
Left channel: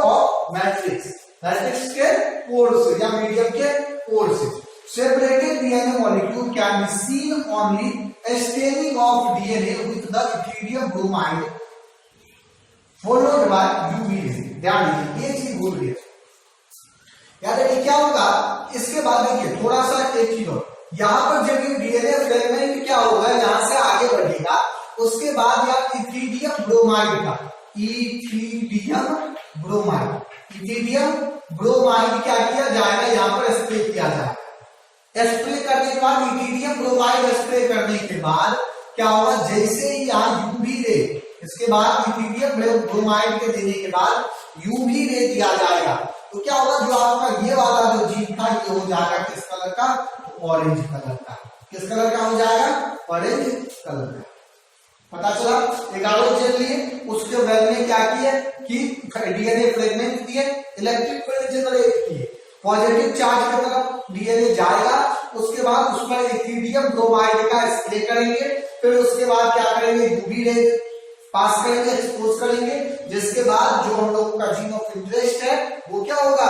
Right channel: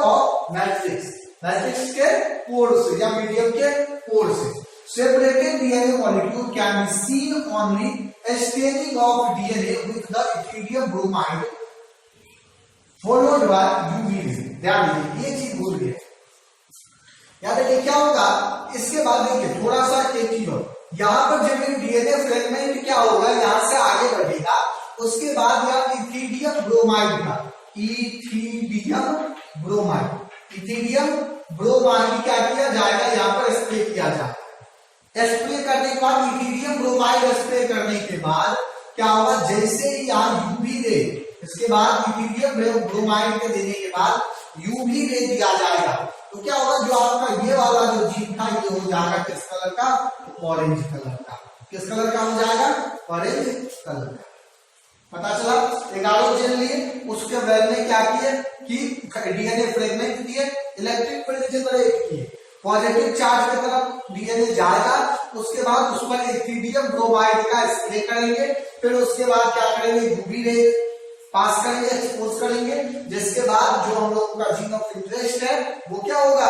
of matrix, matrix के पोर से या मीडियम के पोर से। Separated DNA molecule can be seen only staining of DNA with the ethidium bromide followed by UV ray। ध्यान दीजिए ये चीज भूल गए, याद है क्या होगा। इसके बाद देखिए थोड़ा सा एक चीज और, यहाँ पर जब ये डीएनए फ्रेगमेंट क्या होगा, यहाँ से आगे बढ़ेगा, उसके बाद यहाँ इथिडियम ब्रोमाइड का, इथिडियम ब्रोमाइड क्या किया जाएगा, यहाँ पर स्प्रे किया जाएगा। स्प्रे करने के बाद इथिडियम ब्रोमाइड स्प्रे करने के बाद क्या होगा, जैसे ही यहाँ यूवी रे, इसके बाद इथिडियम ब्रोमाइड के देने के बाद यूवी रे दिया जाएगा, तो क्या होगा, जो आपका ये वाला जो जीन था ये हो जाएगा किस कलर का, ऑरेंज कलर का। किस कलर का हो जाएगा, ऑरेंज कलर का। पता चला, एगारोज जेल लिए, उसके वेल में क्या किए कि डीएनए फ्रेगमेंट किए, इलेक्ट्रिक फील्ड जनरेट किए, पॉजिटिव चार्ज की तरफ डीएनए जाएगा, उसके बाद उस पर इथिडियम ब्रोमाइड का स्प्रे करेंगे, फिर उसके बाद क्या करेंगे, यूवी रे पास करेंगे, एक्सपोज करेंगे, जिसके बाद जो हम लोगों का जीन ऑफ इंटरेस्ट है वो क्या होगा,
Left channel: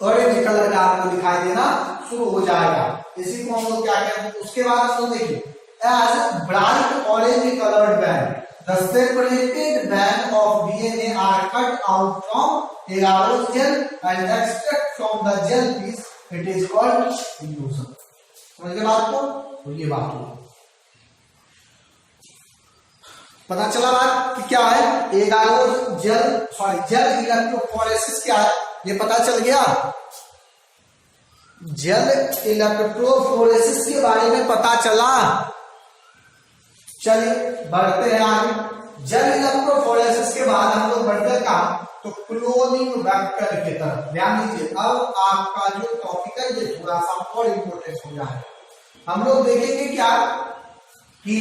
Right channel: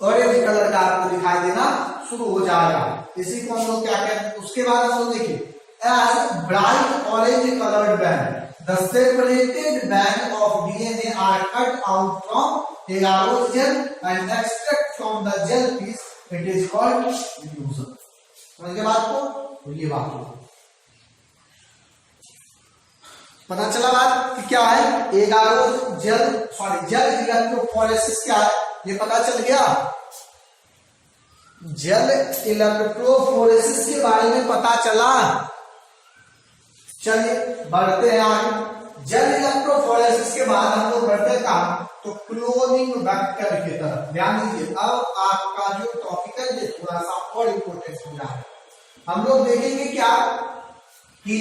ऑरेंज कलर का आपको दिखाई देना शुरू हो जाएगा। इसी को हम लोग क्या कहते हैं। उसके बाद हम लोग देखिए as bright orange coloured band, the separated band of DNA are cut out from agarose gel and extract from the gel piece, it is called illusion। समझ गए बात को, तो ये बात हो, पता चला बात कि क्या है, एगारोज जेल इलेक्ट्रोफोरेसिस क्या है ये पता चल गया। जेल इलेक्ट्रोफोरेसिस के बारे में पता चला। चलिए बढ़ते हैं आगे। जेल इलेक्ट्रोफोरेसिस के बाद हम लोग बढ़ते हैं कहां, तो क्लोनिंग वेक्टर की तरफ। ध्यान दीजिए, अब आपका जो टॉपिक है ये थोड़ा सा और इंपोर्टेंट हो रहा है। हम लोग देखेंगे क्या कि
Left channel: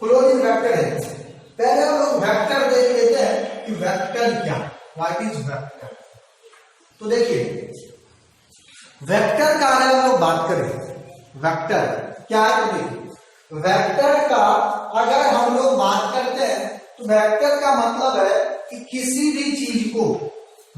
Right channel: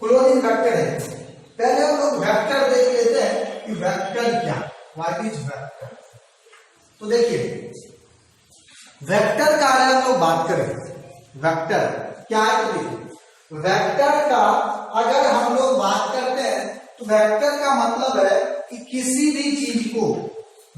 क्लोनिंग वेक्टर है, पहले हम लोग वेक्टर देख लेते हैं कि वेक्टर क्या, व्हाट इज वेक्टर। तो देखिए वेक्टर का अगर हम लोग बात करें, वेक्टर क्या है, तो देखिए वेक्टर का अगर हम लोग बात करते हैं तो वेक्टर का मतलब है कि किसी भी चीज को,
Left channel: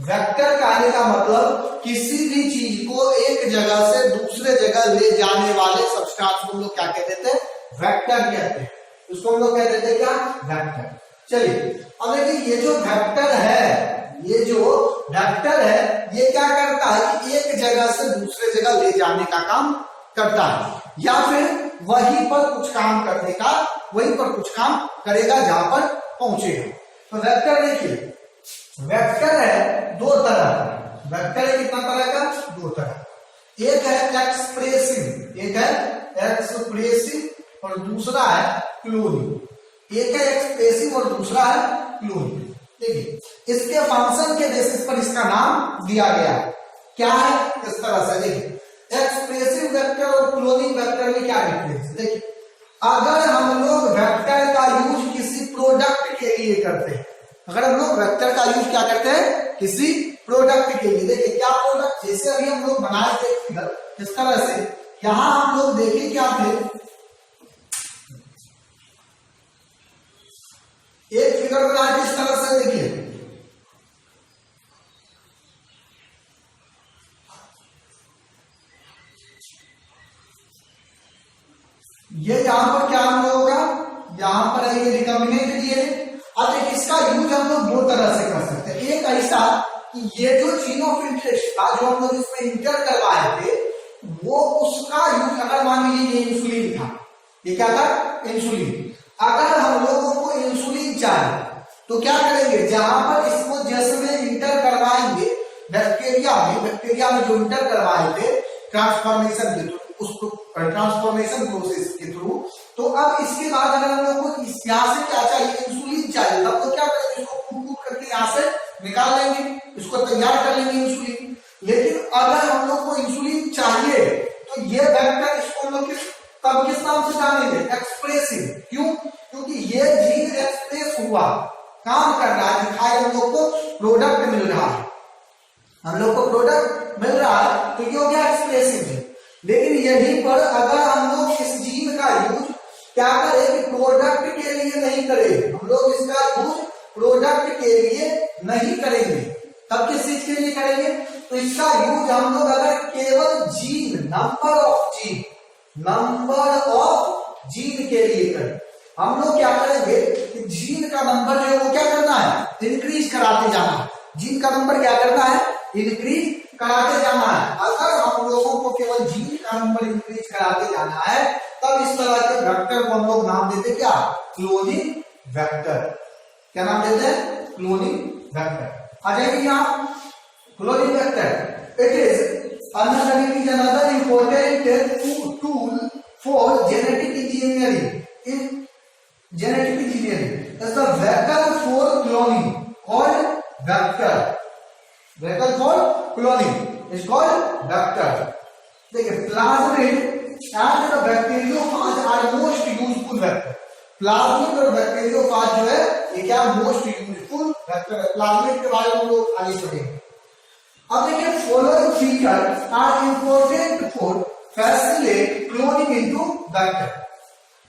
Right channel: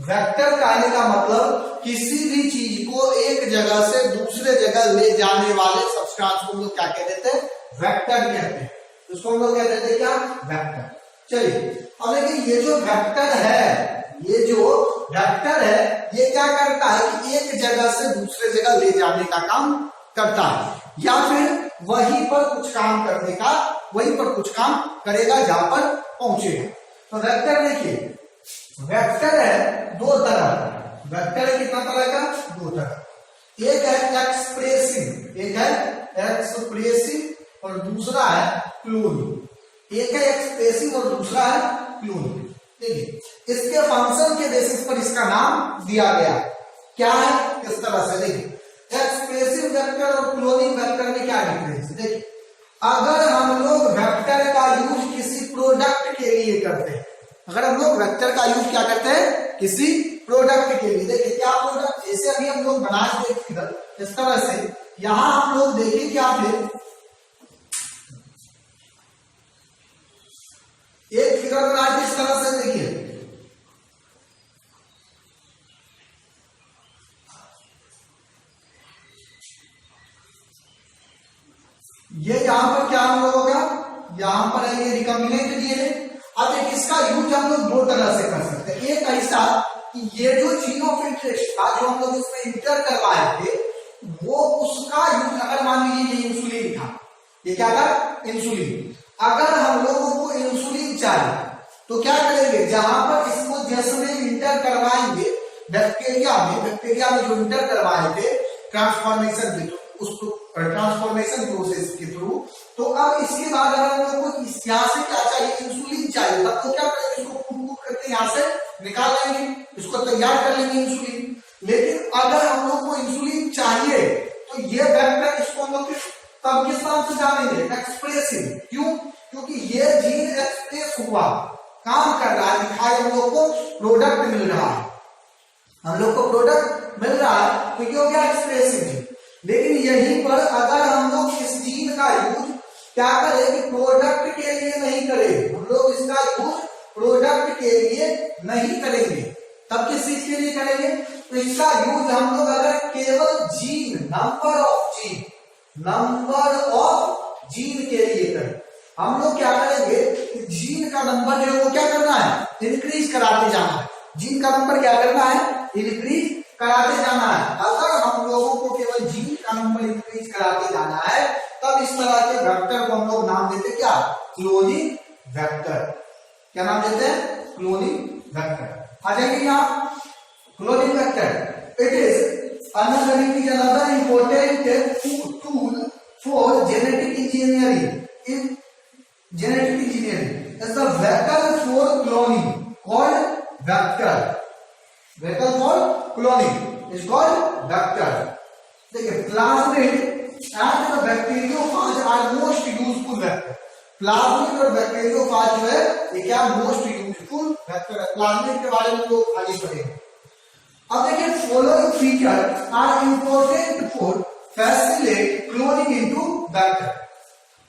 वेक्टर कहने का मतलब किसी भी चीज को एक जगह से दूसरे जगह ले जाने वाले सब्सटेंस को हम लोग क्या कह देते हैं, वेक्टर कहते हैं। इसको हम लोग कह देते हैं क्या, वेक्टर। चलिए अब देखिए ये जो वेक्टर है ये क्या करता है कि एक जगह से दूसरे जगह ले जाने का काम करता है, या फिर वहीं पर कुछ काम करने का वहीं पर कुछ काम करेगा जहां पर पहुंचेगा। तो वेक्टर देखिए, वेक्टर है दो तरह का, वेक्टर है कितना तरह का, दो तरह। एक है एक्सप्रेसिव, एक है एक्सप्रेसिव और दूसरा है क्लोनिंग। एक है एक्सप्रेसिव और दूसरा है क्लोनिंग। देखिए इसके फंक्शन के बेसिस पर इसका नाम दिया गया है, क्या है इस तरह से। देखिए एक्सप्रेसिव वेक्टर और क्लोनिंग वेक्टर में क्या डिफरेंस है। देखिए अगर हम लोग वेक्टर का यूज किसी प्रोडक्ट के लिए करते हैं, अगर हम लोग वेक्टर का यूज क्या करते हैं किसी प्रोडक्ट के लिए, देखिए क्या प्रोडक्ट, जैसे अभी हम लोग बनाए थे फिगर इस तरह से, यहां हम लोग देखें क्या थे, एक फिगर बनाए इस तरह से। देखिए ये यहां पर क्या हम लोगों का, यहां पर है ये रिकॉम्बिनेंट डीएनए। अब देखिए इसका यूज हम लोग दो तरह से कर सकते हैं। एक ऐसा कि ये जो जीन ऑफ इंटरेस्ट था जो हम लोग इसमें इंटर करवाए थे, वो उसका यूज, अगर मान लीजिए ये इंसुलिन था, ये क्या था इंसुलिन, अगर हम लोगों को इंसुलिन चाहिए तो क्या करेंगे, जहां पर इसको जिसमें इंटर करवाएंगे बैक्टीरिया में जो इंटर करवाए थे ट्रांसफॉर्मेशन के थ्रू, उसको ट्रांसफॉर्मेशन प्रोसेस के थ्रू, तो अब इसके बाद अगर हम लोग को यहाँ से क्या चाहिए, इंसुलिन चाहिए, तब तो क्या करेंगे, इसको कूट करके यहाँ से निकाल लेंगे, इसको तैयार कर लेंगे इंसुलिन। लेकिन अगर हम लोग को इंसुलिन चाहिए तो ये वेक्टर, इसको हम लोग तब किस नाम से जानेंगे, एक्सप्रेसिव। क्यों, क्योंकि ये जीन एक्सप्रेस हुआ, काम कर रहा है, दिखाई हम लोग को प्रोडक्ट मिल रहा है, हम लोग को प्रोडक्ट मिल रहा है, तो ये हो गया एक्सप्रेसिव जीन। लेकिन यहीं पर अगर हम लोग इस जीन का यूज क्या करें कि प्रोडक्ट के लिए नहीं करें, हम लोग इसका यूज प्रोडक्ट के लिए नहीं करेंगे, तब किस चीज के लिए करेंगे, तो इसका यूज हम लोग अगर केवल जीन, नंबर ऑफ जीन के लिए करें, हम लोग क्या करेंगे कि जीन का नंबर जो है वो क्या करना है, इंक्रीज कराते जाना है, जीन का नंबर क्या करना है, इंक्रीज कराते जाना है। अगर हम लोगों को केवल जीन का नंबर इंक्रीज कराते जाना है, तब इस तरह के वेक्टर को हम लोग नाम देते क्या, क्लोनिंग वेक्टर। क्या नाम देते हैं, क्लोनिंग वेक्टर। आ जाएगी यहाँ cloning vector, it is another important tool for genetic engineering is the vehicle for cloning called vector is called vector। देखिए plasmid and the bacteriophage are most useful vector. Plasmid और bacteriophage जो है ये क्या most useful vector है। Plasmid के बारे में हम लोग आगे पढ़ेंगे। अब देखिए following feature are important for facilitate cloning into vector.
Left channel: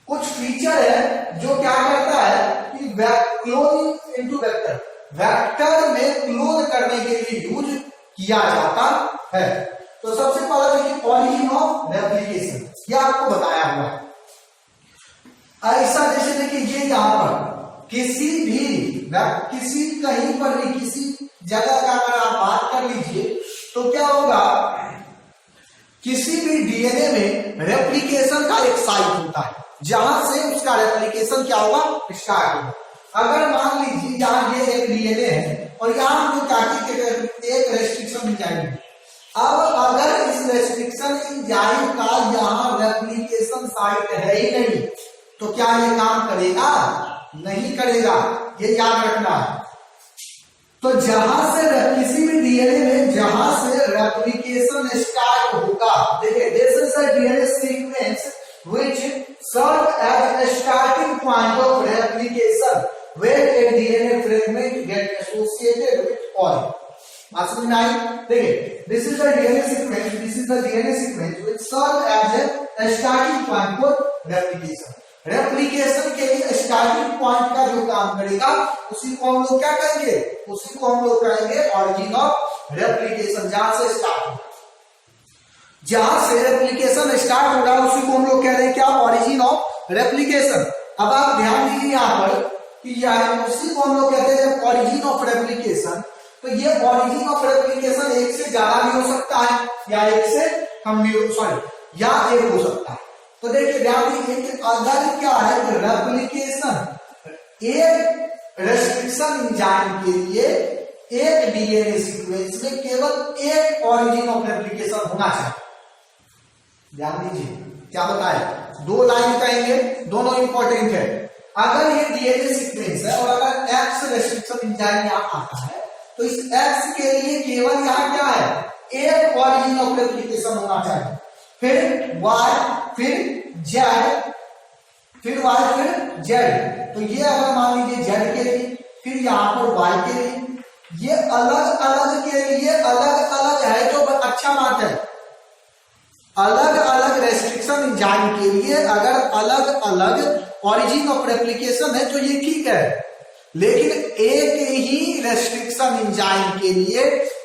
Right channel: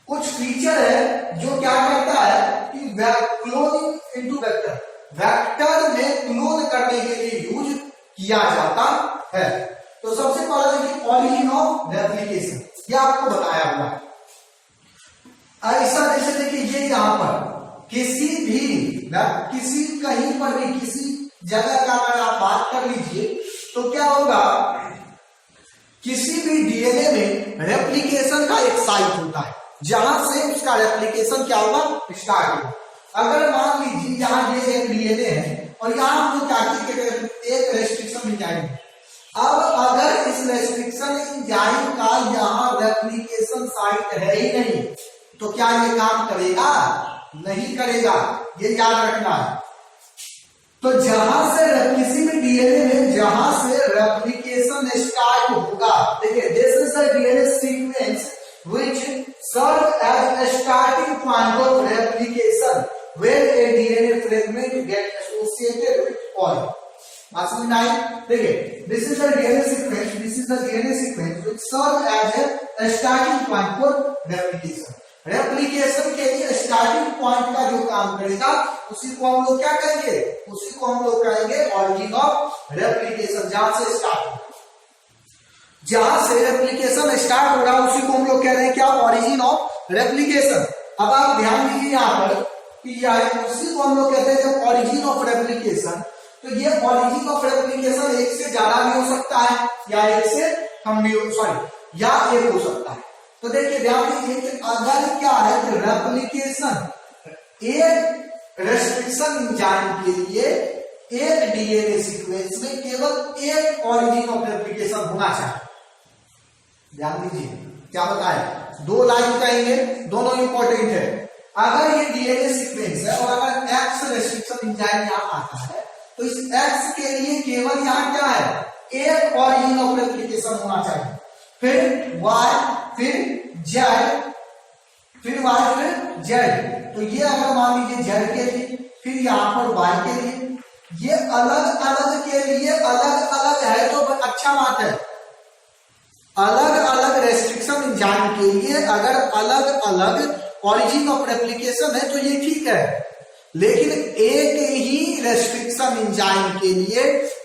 कुछ फीचर है जो क्या करता है कि क्लोनिंग इनटू वेक्टर, वेक्टर में क्लोन करने के लिए यूज किया जाता है। तो सबसे पहले देखिए ऑरिजिन ऑफ रेप्लिकेशन, यह आपको बताया हुआ है। ऐसा जैसे देखिए ये यहां पर किसी कहीं पर भी किसी जगह का अगर आप बात कर लीजिए तो क्या होगा, किसी भी डीएनए में रेप्लिकेशन का एक साइट होता है जहां से उसका रेप्लिकेशन क्या होगा, स्टार्ट होगा। अगर मान लीजिए यहाँ ये एक डीएनए है और यहाँ हम एक रेस्ट्रिक्शन एंजाइम, अब अगर इस रेस्ट्रिक्शन एंजाइम का यहाँ रेप्लिकेशन साइट है ही नहीं तो क्या ये काम करेगा, नहीं करेगा, ये याद रखना है। तो जहां से किसी भी डीएनए में जहां से रेप्लिकेशन स्टार्ट होगा, देखिए this is the DNA sequence which serve as a starting point of replication when a DNA fragment get associated with poly। बात समझ में आई? देखिए this is the DNA sequence which serve as a starting point for replication। Replication के लिए starting point का जो काम करेगा उसी को हम लोग क्या कहेंगे, उसी को हम लोग कहेंगे ऑरिजिन ऑफ रेप्लिकेशन। जहां से स्टार्ट हो, जहां से रेप्लिकेशन स्टार्ट हो रहा है उसी को हम लोग कह रहे हैं क्या, ऑरिजिन ऑफ रेप्लिकेशन। अब आप ध्यान दीजिए यहाँ पर कि यह उसी को हम लोग कहते हैं जब ऑरिजिन ऑफ रेप्लिकेशन, तो ये ऑरिजिन ऑफ रेप्लिकेशन एक से ज्यादा भी हो सकता है या एक से कम भी, या एक हो सकता है। तो देखिए ध्यान दीजिए कि अगर क्या है कि रेप्लिकेशन, एक रेस्ट्रिक्शन एंजाइम के लिए एक डीएनए सीक्वेंस में केवल एक ऑरिजिन ऑफ रेप्लिकेशन होना चाहिए। ध्यान दीजिए क्या बताया, दो लाइन कहेंगे, दोनों इंपॉर्टेंट है। अगर ये डीएनए सीक्वेंस है और अगर एक्स रेस्ट्रिक्शन एंजाइम यहां आता है तो इस एक्स के लिए केवल यहां क्या है, एक ऑरिजिन ऑफ रेप्लिकेशन होना चाहिए, फिर वाई, फिर जेड, फिर वाई, फिर जेड। तो ये अगर मान लीजिए जेड के लिए, फिर यहां पर वाई के लिए, ये अलग अलग के लिए अलग अलग है तो अच्छा बात है। अलग अलग रेस्ट्रिक्शन एंजाइम के लिए अगर अलग अलग ऑरिजिन ऑफ रेप्लिकेशन है तो ये ठीक है, लेकिन एक ही रेस्ट्रिक्शन एंजाइम के लिए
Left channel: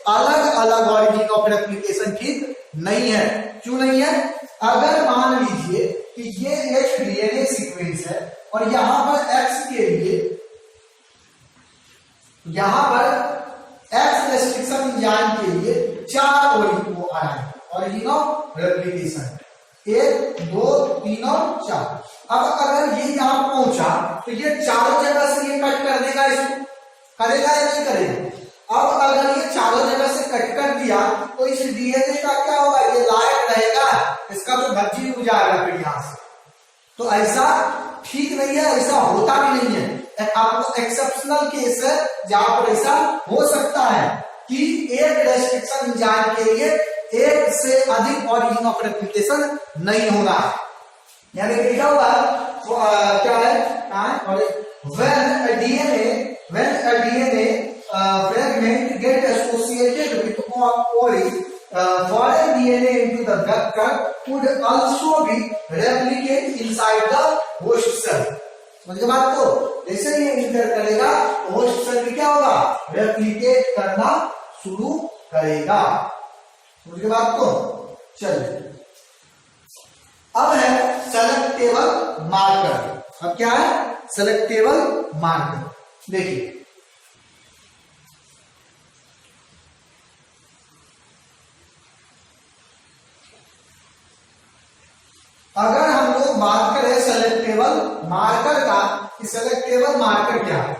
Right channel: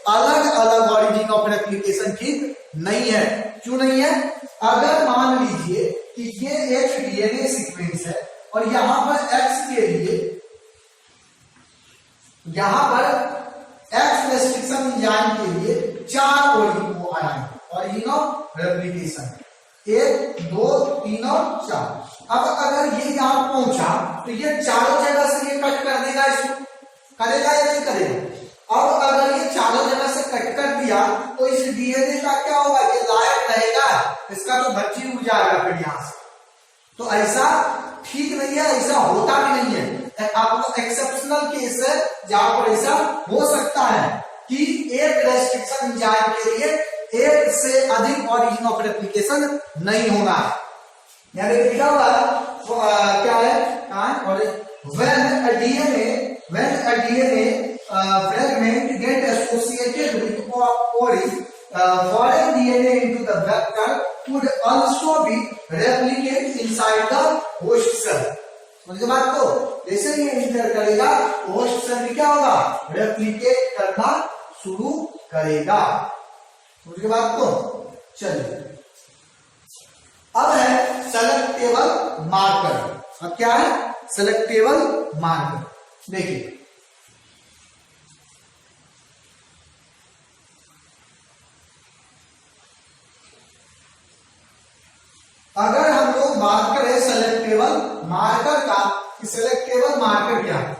अलग अलग ऑरिजिन ऑफ रेप्लिकेशन ठीक नहीं है। क्यों नहीं है? अगर मान लीजिए कि ये एक डीएनए सीक्वेंस है और यहां पर एक्स के लिए, यहां पर एक्स रेस्ट्रिक्शन एंजाइम के लिए 4 ऑरिजिन ऑफ रेप्लिकेशन, 1 2 3 और 4। अब अगर ये यहां पहुंचा तो ये चारों जगह से ये कट कर देगा, इसको करेगा या नहीं करेगा? अब अगर ये चारों जगह से कट कर दिया तो इस डीएनए का क्या होगा, ये लायक रहेगा, इसका तो भज्जी उड़ जाएगा फिर यहां से। तो ऐसा ठीक नहीं है, ऐसा होता भी नहीं है। आपको एक्सेप्शनल केस है जहां पर ऐसा हो सकता है कि एक रेस्ट्रिक्शन एंजाइम के लिए एक से अधिक ऑरिजिन ऑफ रेप्लिकेशन नहीं होना है। यानी लिखा हुआ क्या है, और when a DNA fragment get associated with foreign DNA into the vector could also be replicate inside the host cell। समझे बात? तो जैसे ही इंटर करेगा तो होस्ट सेल भी क्या होगा, रेप्लिकेट करना शुरू करेगा। समझे बात? तो चलिए अब है सेलेक्टेबल मार्कर। अब क्या है, सेलेक्टेबल मार्कर। देखिए अगर हम लोग बात करें सेलेक्टेबल मार्कर का, कि सेलेक्टेबल मार्कर क्या है,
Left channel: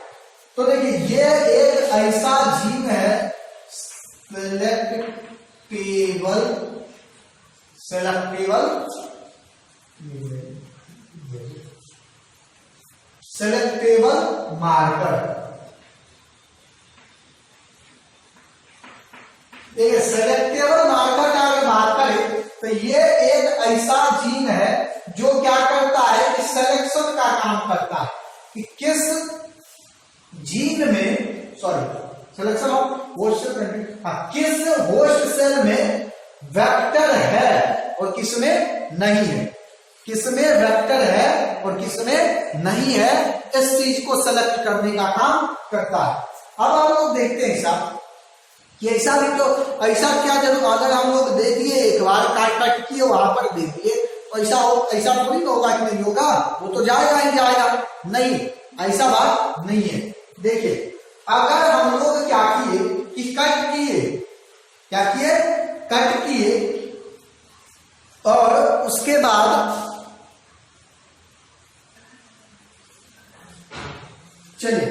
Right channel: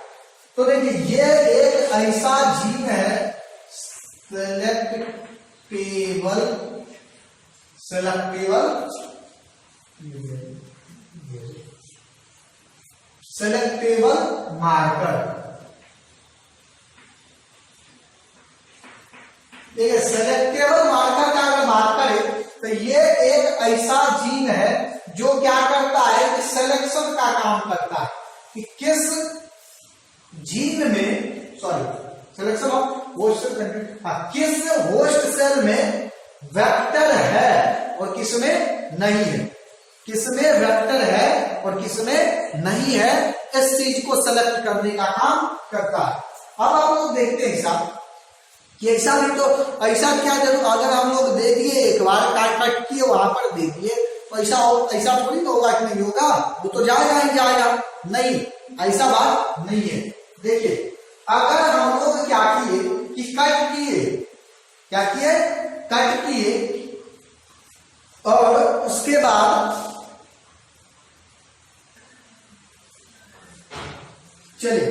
तो देखिए ये एक ऐसा जीन है, सेलेक्टेबल मार्कर। देखिए सेलेक्टेबल मार्कर का अगर बात करें तो ये एक ऐसा जीन है जो क्या करता है कि सिलेक्शन का काम करता है, कि किस जीन में, सिलेक्शन ऑफ होस्ट सेल, किस होस्ट सेल में वेक्टर है और किसमें नहीं है, किसमें वेक्टर है और किसमें नहीं है, इस चीज को सेलेक्ट करने का काम करता है। अब हम लोग देखते हैं साहब कि ऐसा भी तो, ऐसा क्या जरूर, अगर हम लोग दे दिए एक बार काट किए वहां पर दे दिए तो ऐसा थोड़ी तो होगा कि नहीं होगा, वो तो जाएगा ही जाएगा, नहीं, ऐसा बात नहीं है। देखिए अगर हम लोग क्या किए कि कट किए, क्या किए, कट किए, और उसके बाद चलिए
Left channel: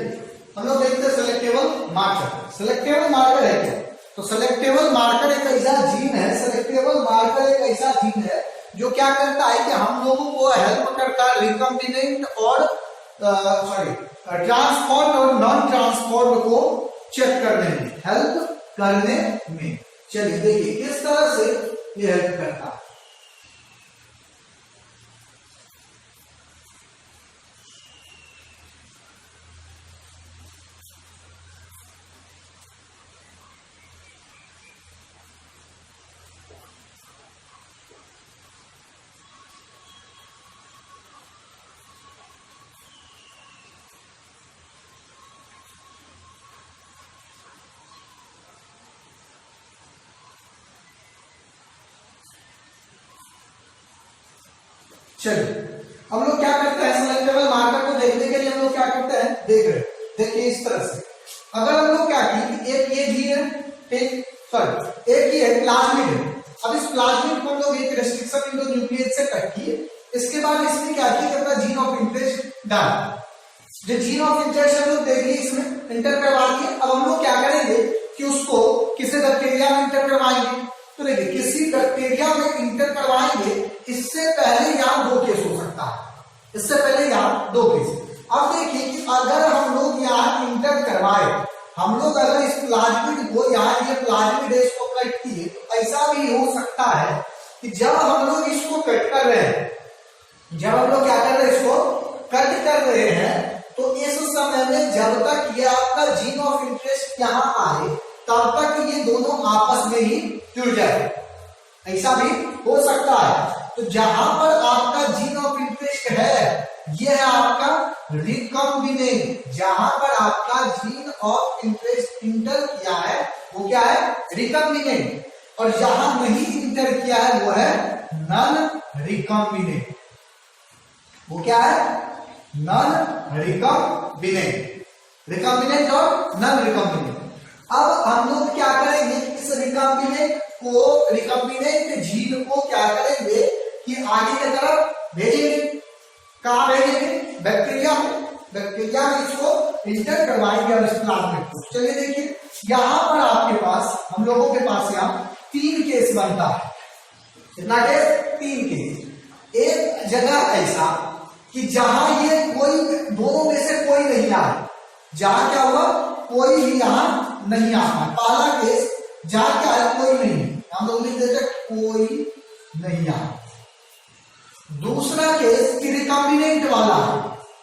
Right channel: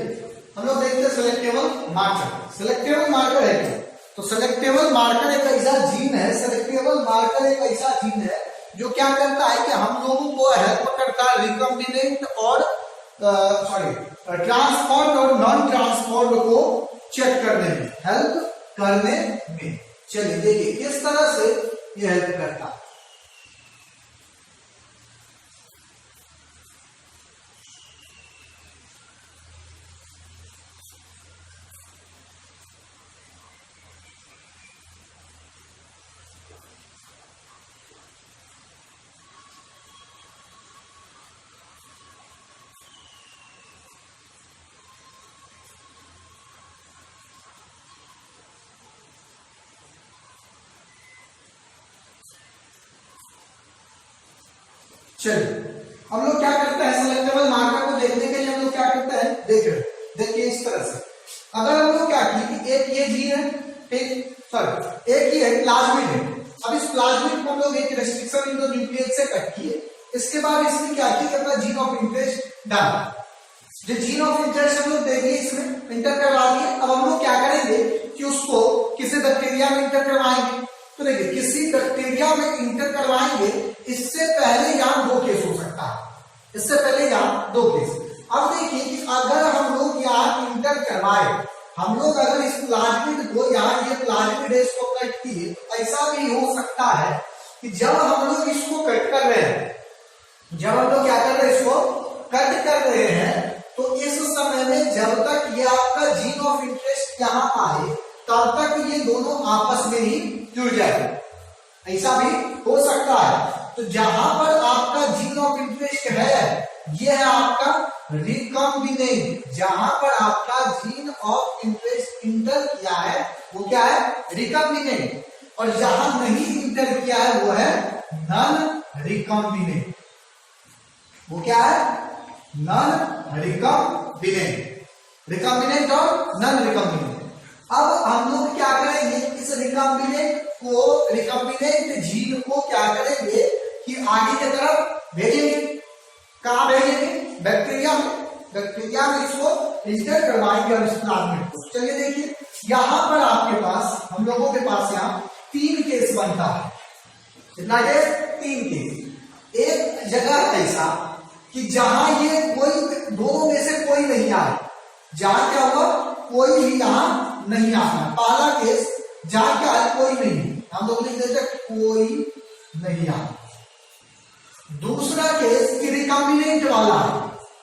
हम लोग देखते हैं सेलेक्टेबल मार्कर। सेलेक्टेबल मार्कर है क्या? तो सेलेक्टेबल मार्कर एक ऐसा जीन है, सेलेक्टेबल मार्कर एक ऐसा जीन है जो क्या करता है कि हम लोगों को हेल्प करता है रिकम्बिनेंट और ट्रांसपोर्ट और नॉन ट्रांसपोर्ट को चेक करने में, हेल्प करने में। चलिए देखिए किस तरह से ये हेल्प करता है। चलिए हम लोग क्या करते हैं, सेलेक्टेबल मार्कर को देखने के लिए हम लोग क्या करते हैं, देख रहे, देखिए इस तरह से अगर हम लोग क्या किए, एक ये जीन है, एक ये प्लाज्मिड है। अब इस प्लाज्मिड को हम लोग एक रेस्ट्रिक्शन इंडोन्यूक्लियस से कट किए इसके बाद इसमें क्या किया जाता है, जीन ऑफ इंटरेस्ट डन। जो जीन ऑफ इंटरेस्ट हम लोग दे दिए, इसमें इंटर करवा दिए। अब हम लोग क्या करेंगे कि उसको किसी बैक्टीरिया में इंटर करवाएंगे। तो देखिए किसी बैक्टीरिया में इंटर करवाएंगे, इससे पहले यहाँ 2 केस हो सकता है, इससे पहले यहाँ 2 केस। अब देखिए कि अगर हम लोग यहाँ इंटर करवाए, हम लोग अगर इस प्लाज्मिड को यहाँ ये प्लाज्मिड इसको कट किए, तो ऐसा भी हो सकता है कि जब हम लोग इसको कट कर रहे हैं, जब हम लोग क्या कर रहे हैं, इसको कट कर रहे हैं, तो इस समय में जब तक ये आपका जीन ऑफ इंटरेस्ट यहाँ आए, तब तक ये दोनों आपस में ही जुड़ जाए, ऐसा भी हो सकता है। तो जहां पर आपका जीन ऑफ इंटरेस्ट है, ये है आपका रिकॉम्बिनेंट। जहां पर आपका जीन ऑफ इंटरेस्ट इंटर किया है, वो क्या है, रिकॉम्बिनेंट। और जहां नहीं इंटर किया है, वो है नॉन रिकॉम्बिनेंट। वो क्या है, नॉन रिकॉम्बिनेंट। रिकॉम्बिनेंट और नॉन रिकॉम्बिनेंट। अब हम लोग क्या करेंगे, इस रिकॉम्बिनेंट को, रिकॉम्बिनेंट जीन को क्या करेंगे कि आगे की तरफ भेजेंगे। कहां भेजेंगे, बैक्टीरिया में। बैक्टीरिया में इसको इंटर करवाएंगे और इस प्लाज्मिड को। चलिए देखिए, यहां पर आपके पास, हम लोगों के पास यहाँ 3 केस बनता है। कितना केस, 3 केस। एक जगह ऐसा कि जहां ये कोई, दोनों में से कोई नहीं आया, जहां क्या हुआ, कोई भी यहां नहीं आता। पहला केस जहां क्या है, कोई नहीं, हम लोग लिख देते कोई नहीं आया। दूसरा केस कि रिकॉम्बिनेंट वाला,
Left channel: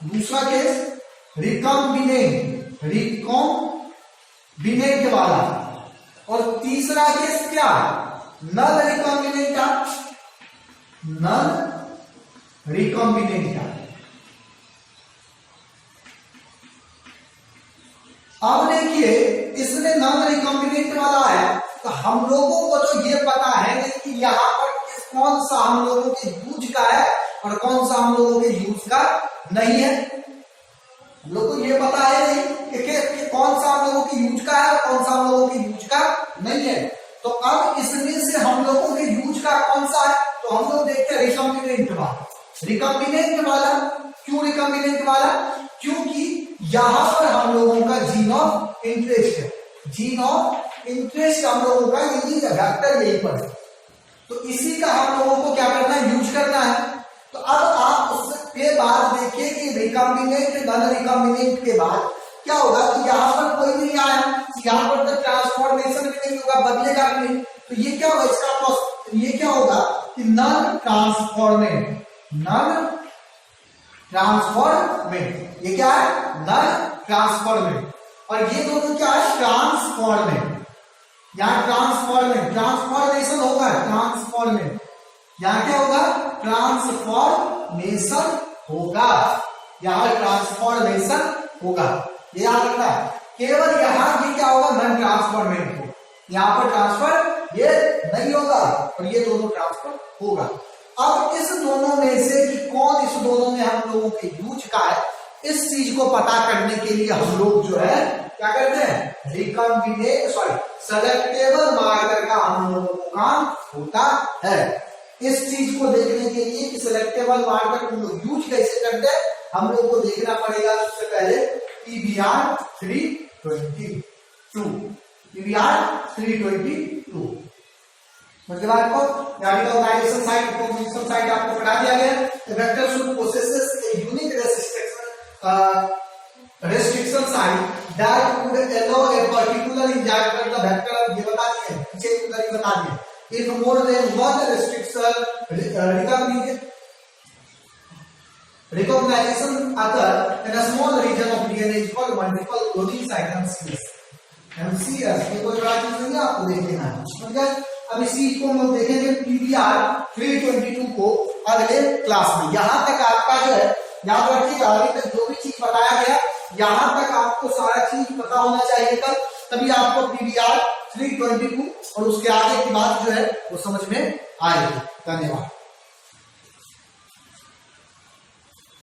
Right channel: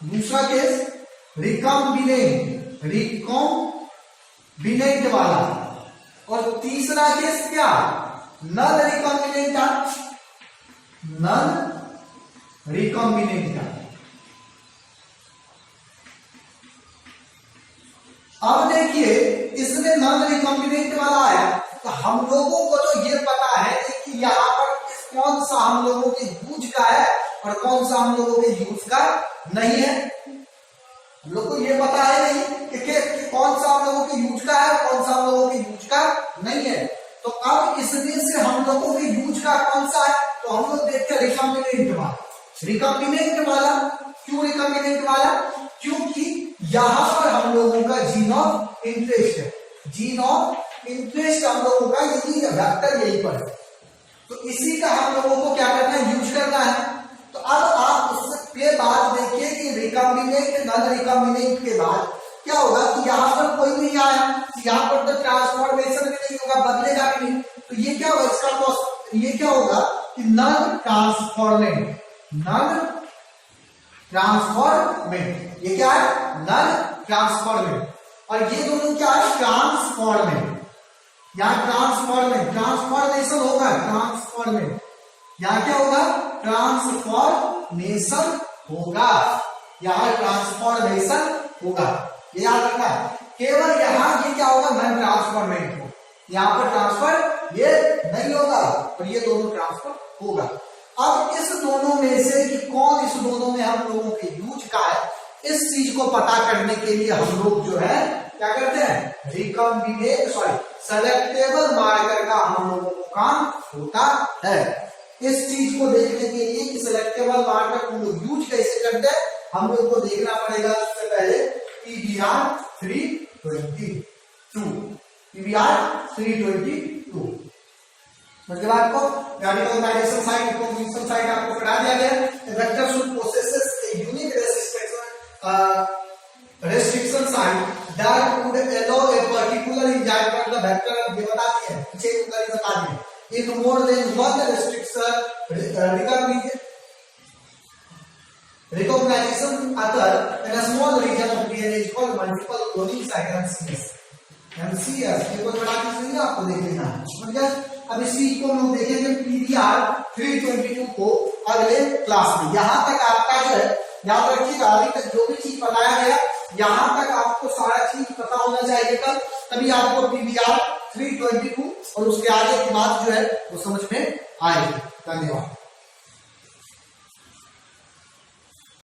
दूसरा केस रिकॉम्बिनेंट, रिकॉम्बिनेंट वाला। और तीसरा केस क्या, नॉन रिकॉम्बिनेंट का, नॉन रिकॉम्बिनेंट का। अब देखिए, इसमें नॉन रिकॉम्बिनेंट वाला है, तो हम लोगों को तो ये पता है कि यहाँ पर कौन सा हम लोगों के यूज का है और कौन सा हम लोगों के यूज का नहीं है। हम लोग को ये पता है नहीं कि कौन सा हम लोगों के यूज का है और कौन सा हम लोगों के यूज का नहीं है। तो अब इसमें से हम लोगों के यूज का कौन सा है, तो हम लोग देखते हैं रिकॉम्बिनेंट वाला। रिकॉम्बिनेंट वाला, क्यों रिकॉम्बिनेंट वाला, क्योंकि यहां पर हम लोगों का जीन ऑफ इंटरेस्ट है। जीन ऑफ इंटरेस्ट हम लोगों का यही है, वेक्टर यही पर है। तो इसी का हम लोगों को क्या करना है, यूज करना है। तो अब आप उसके बाद देखिए कि रिकॉम्बिनेंट, नॉन रिकॉम्बिनेंट के बाद क्या होगा कि यहाँ पर कोई नहीं आया, यहाँ पर तो ट्रांसफॉर्मेशन भी नहीं होगा, बदलेगा भी नहीं। तो ये क्या होगा, इसका तो ये क्या होगा कि नॉन ट्रांसफॉर्मेंट, नॉन ट्रांसफॉर्मेंट। ये क्या है, नॉन ट्रांसफॉर्मेंट। और ये दोनों क्या है, ट्रांसफॉर्मेंट। यहाँ ट्रांसफॉर्मेंट, ट्रांसफॉर्मेशन होगा, ट्रांसफॉर्मेंट। यहाँ क्या होगा, ट्रांसफॉर्मेशन होगा, यहाँ ट्रांसफॉर्मेशन होगा। ये याद रखना है, केवल यहाँ ये क्या होगा, नॉन ट्रांसफॉर्मेंट होगा। यहाँ पर ट्रांसफर ये नहीं होगा और ये दोनों ट्रांसफर होगा। अब इस दोनों में से कि कौन इस दोनों में हम लोगों के यूज का है, इस चीज को पता करने के लिए हम लोग जो है क्या करते हैं, रिकॉम्बिनेंट सेलेक्टेबल मार्कर का हम लोगों को काम होता है। इस चीज को देखने के लिए कि सिलेक्टेबल मार्कर हम लोग यूज कैसे करते हैं, हम लोग को देखना पड़ेगा सबसे पहले PBr 322, PBr 322। मतलब आपको रेडिकल गाइडेशन साइट, प्रोपोजिशन साइट आपको पढ़ा दिया गया। Vector should possesses a unique restriction site that would allow a particular enzyme पर the vector ये बता दिए, पीछे उधर ही बता दिए। If more than one restriction recognition occur in a small region of DNA is called multiple cloning site, MCS। MCS ये कोई बड़ा चीज नहीं है, आपको देख लेना है, समझ गए। अब इसी को हम देखेंगे PBr 322 को अगले क्लास में। यहाँ तक आपका जो है याद रखिएगा, अभी तक जो भी चीज बताया गया यहां तक आपको सारा चीज पता होना चाहिए कल, तभी आपको PBr 322 और उसके आगे की बात जो है वो समझ में आएगी। धन्यवाद।